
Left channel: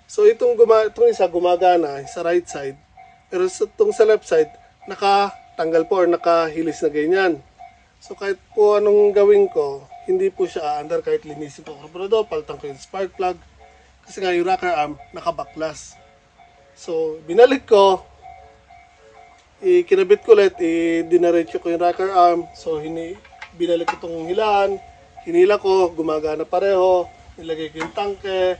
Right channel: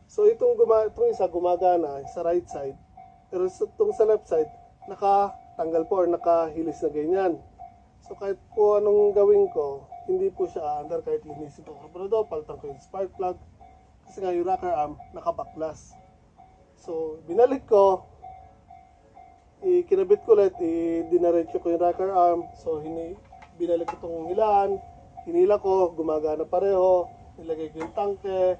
So itong isa gumagana sa right side, pero itong sa left side nakatanggal po or nakahilis na ganyan. So kahit po anong gawin ko, hindi po siya aandar kahit linisin ko ang carburetor, palitan ko yung spark plug, kasi nga yung rocker arm nakabaklas. So binalik ko, kinabit ko ulit, dinaretso ko yung rocker arm. So binalik ko itong hilaan, hinila ko, gumagana pareho, nilagay ko yung tangke,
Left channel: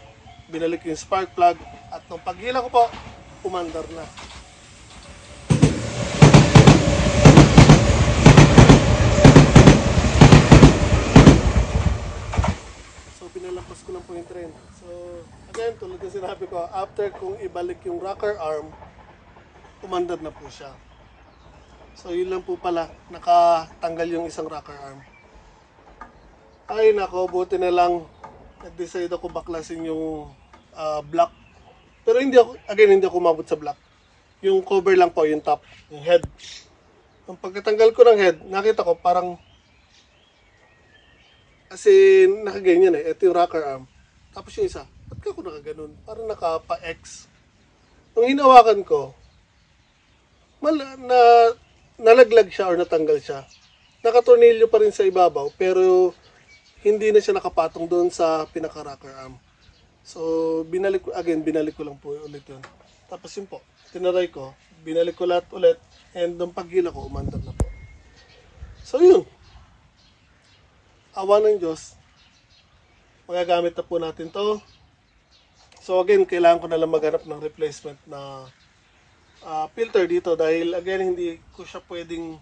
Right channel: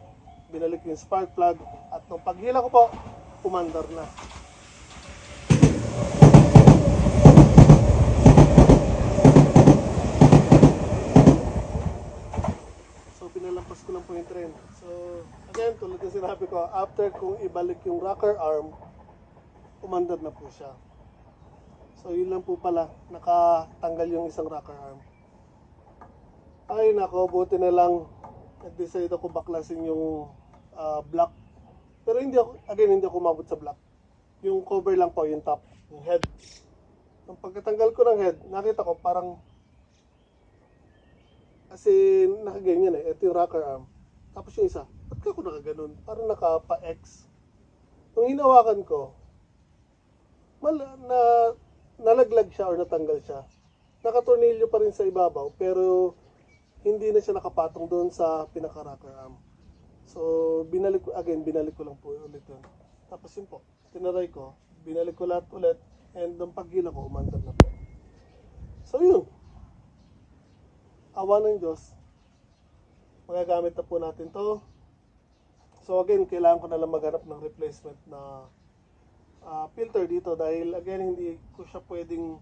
binalik ko yung spark plug, at nung paghila ko po, umandar na. So pinalampas ko lang po yung trend. So again, tulad ng sinabi ko, after kung ibalik yung rocker arm, umandar na po siya. So yun lang po pala, nakatanggal yung isang rocker arm. Ay nako, buti na lang nag-decide ako baklasin yung block. Pero hindi ako umabot sa block. Yung cover lang po, yung top, yung head. Nung pagkatanggal ko ng head, nakita ko parang kasi nakaganyan ito yung rocker arm. Tapos yung isa, ba't ka ako nakaganon? Parang nakapa-X. Nung hinawakan ko, nalaglag siya or natanggal siya. Nakatornilyo pa rin sa ibabaw, pero hindi na siya nakapatong doon sa pinaka-rocker arm. So, binalik ko lang po ulit yun. Tapos yun po, tinaray ko, binalik ko lahat ulit, and nung paghila ko, umandar na po. So yun, awa ng Diyos, magagamit na po natin to. So again, kailangan ko na lang maghanap ng replacement na filter dito dahil again hindi ko siya pwedeng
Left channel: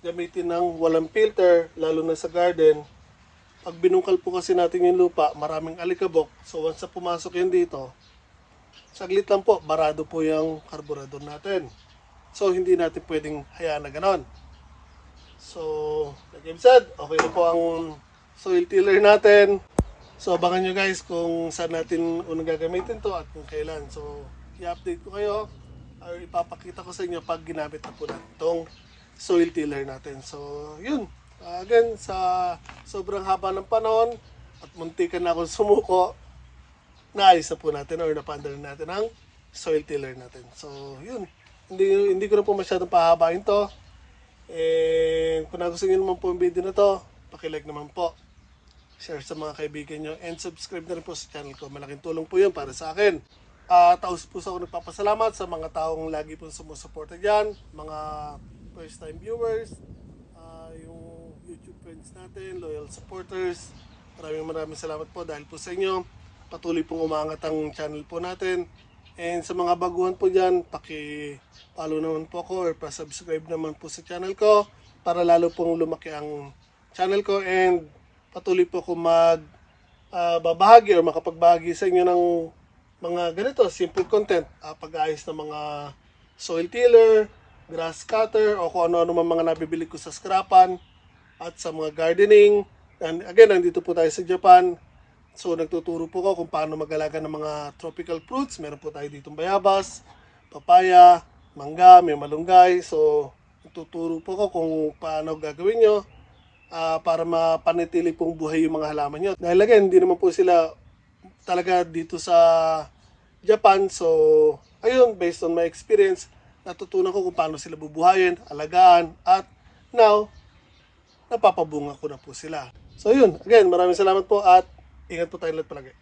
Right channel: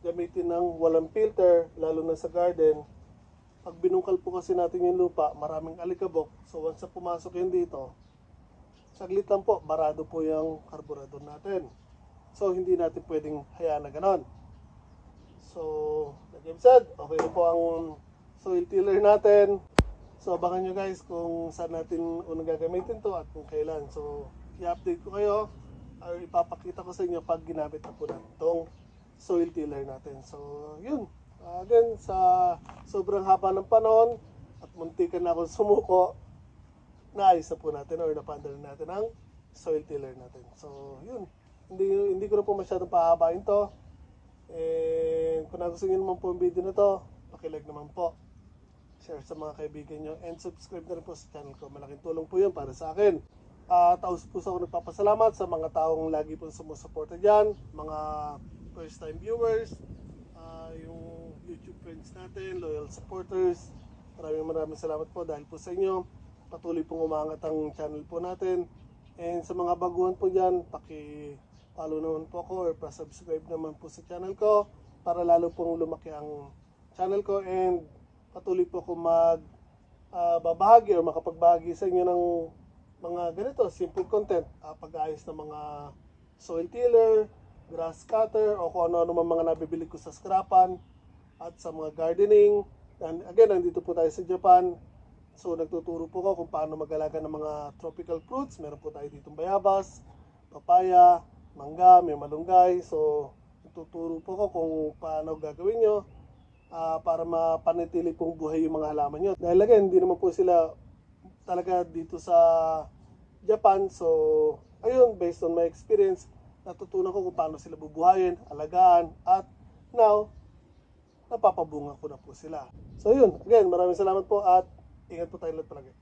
gamitin ng walang filter, lalo na sa garden. Pag binungkal po kasi natin yung lupa, maraming alikabok. So once na pumasok yun dito, saglit lang po, barado po yung carburetor natin. So hindi natin pwedeng hayaan na ganon. So like I've said, okay na po ang soil tiller natin. So abangan nyo guys kung saan natin unang gagamitin to at kung kailan. So i-update ko kayo or ipapakita ko sa inyo pag ginamit na po natin itong soil tiller natin. So yun, again sa sobrang haba ng panahon at muntikan na akong sumuko, naayos na po natin or napandar natin ang soil tiller natin. So yun, hindi ko na po masyadong pahabain to. Kung nagustuhan nyo naman po yung video na to, pakilike naman po, share sa mga kaibigan nyo, and subscribe na rin po sa channel ko. Malaking tulong po yun para sa akin. Taos po ako nagpapasalamat sa mga taong lagi po sumusuporta dyan, mga first time viewers, yung YouTube friends natin, loyal supporters. Maraming salamat po dahil po sa inyo. Patuloy pong umangat ang channel po natin. And sa mga baguhan po dyan, paki-follow naman po ako or pa-subscribe naman po sa channel ko para lalo pong lumaki ang channel ko, and patuloy po ako babahagi or makapagbahagi sa inyo ng mga ganito, simple content, pag-aayos ng mga soil tiller, grass cutter, o kung ano-ano mga nabibili ko sa scrapan at sa mga gardening. And again, nandito po tayo sa Japan. So nagtuturo po ko kung paano mag-alaga ng mga tropical fruits. Meron po tayo ditong bayabas, papaya, mangga, may malunggay. So nagtuturo po ko kung paano gagawin nyo para mapanatili pong buhay yung mga halaman nyo. Dahil again, hindi naman po sila talaga dito sa Japan. So ayun, based on my experience, natutunan ko kung paano sila bubuhayin, alagaan, at now, napapabunga ko na po sila. So yun, again, maraming salamat po at ingat po tayo lahat palagi.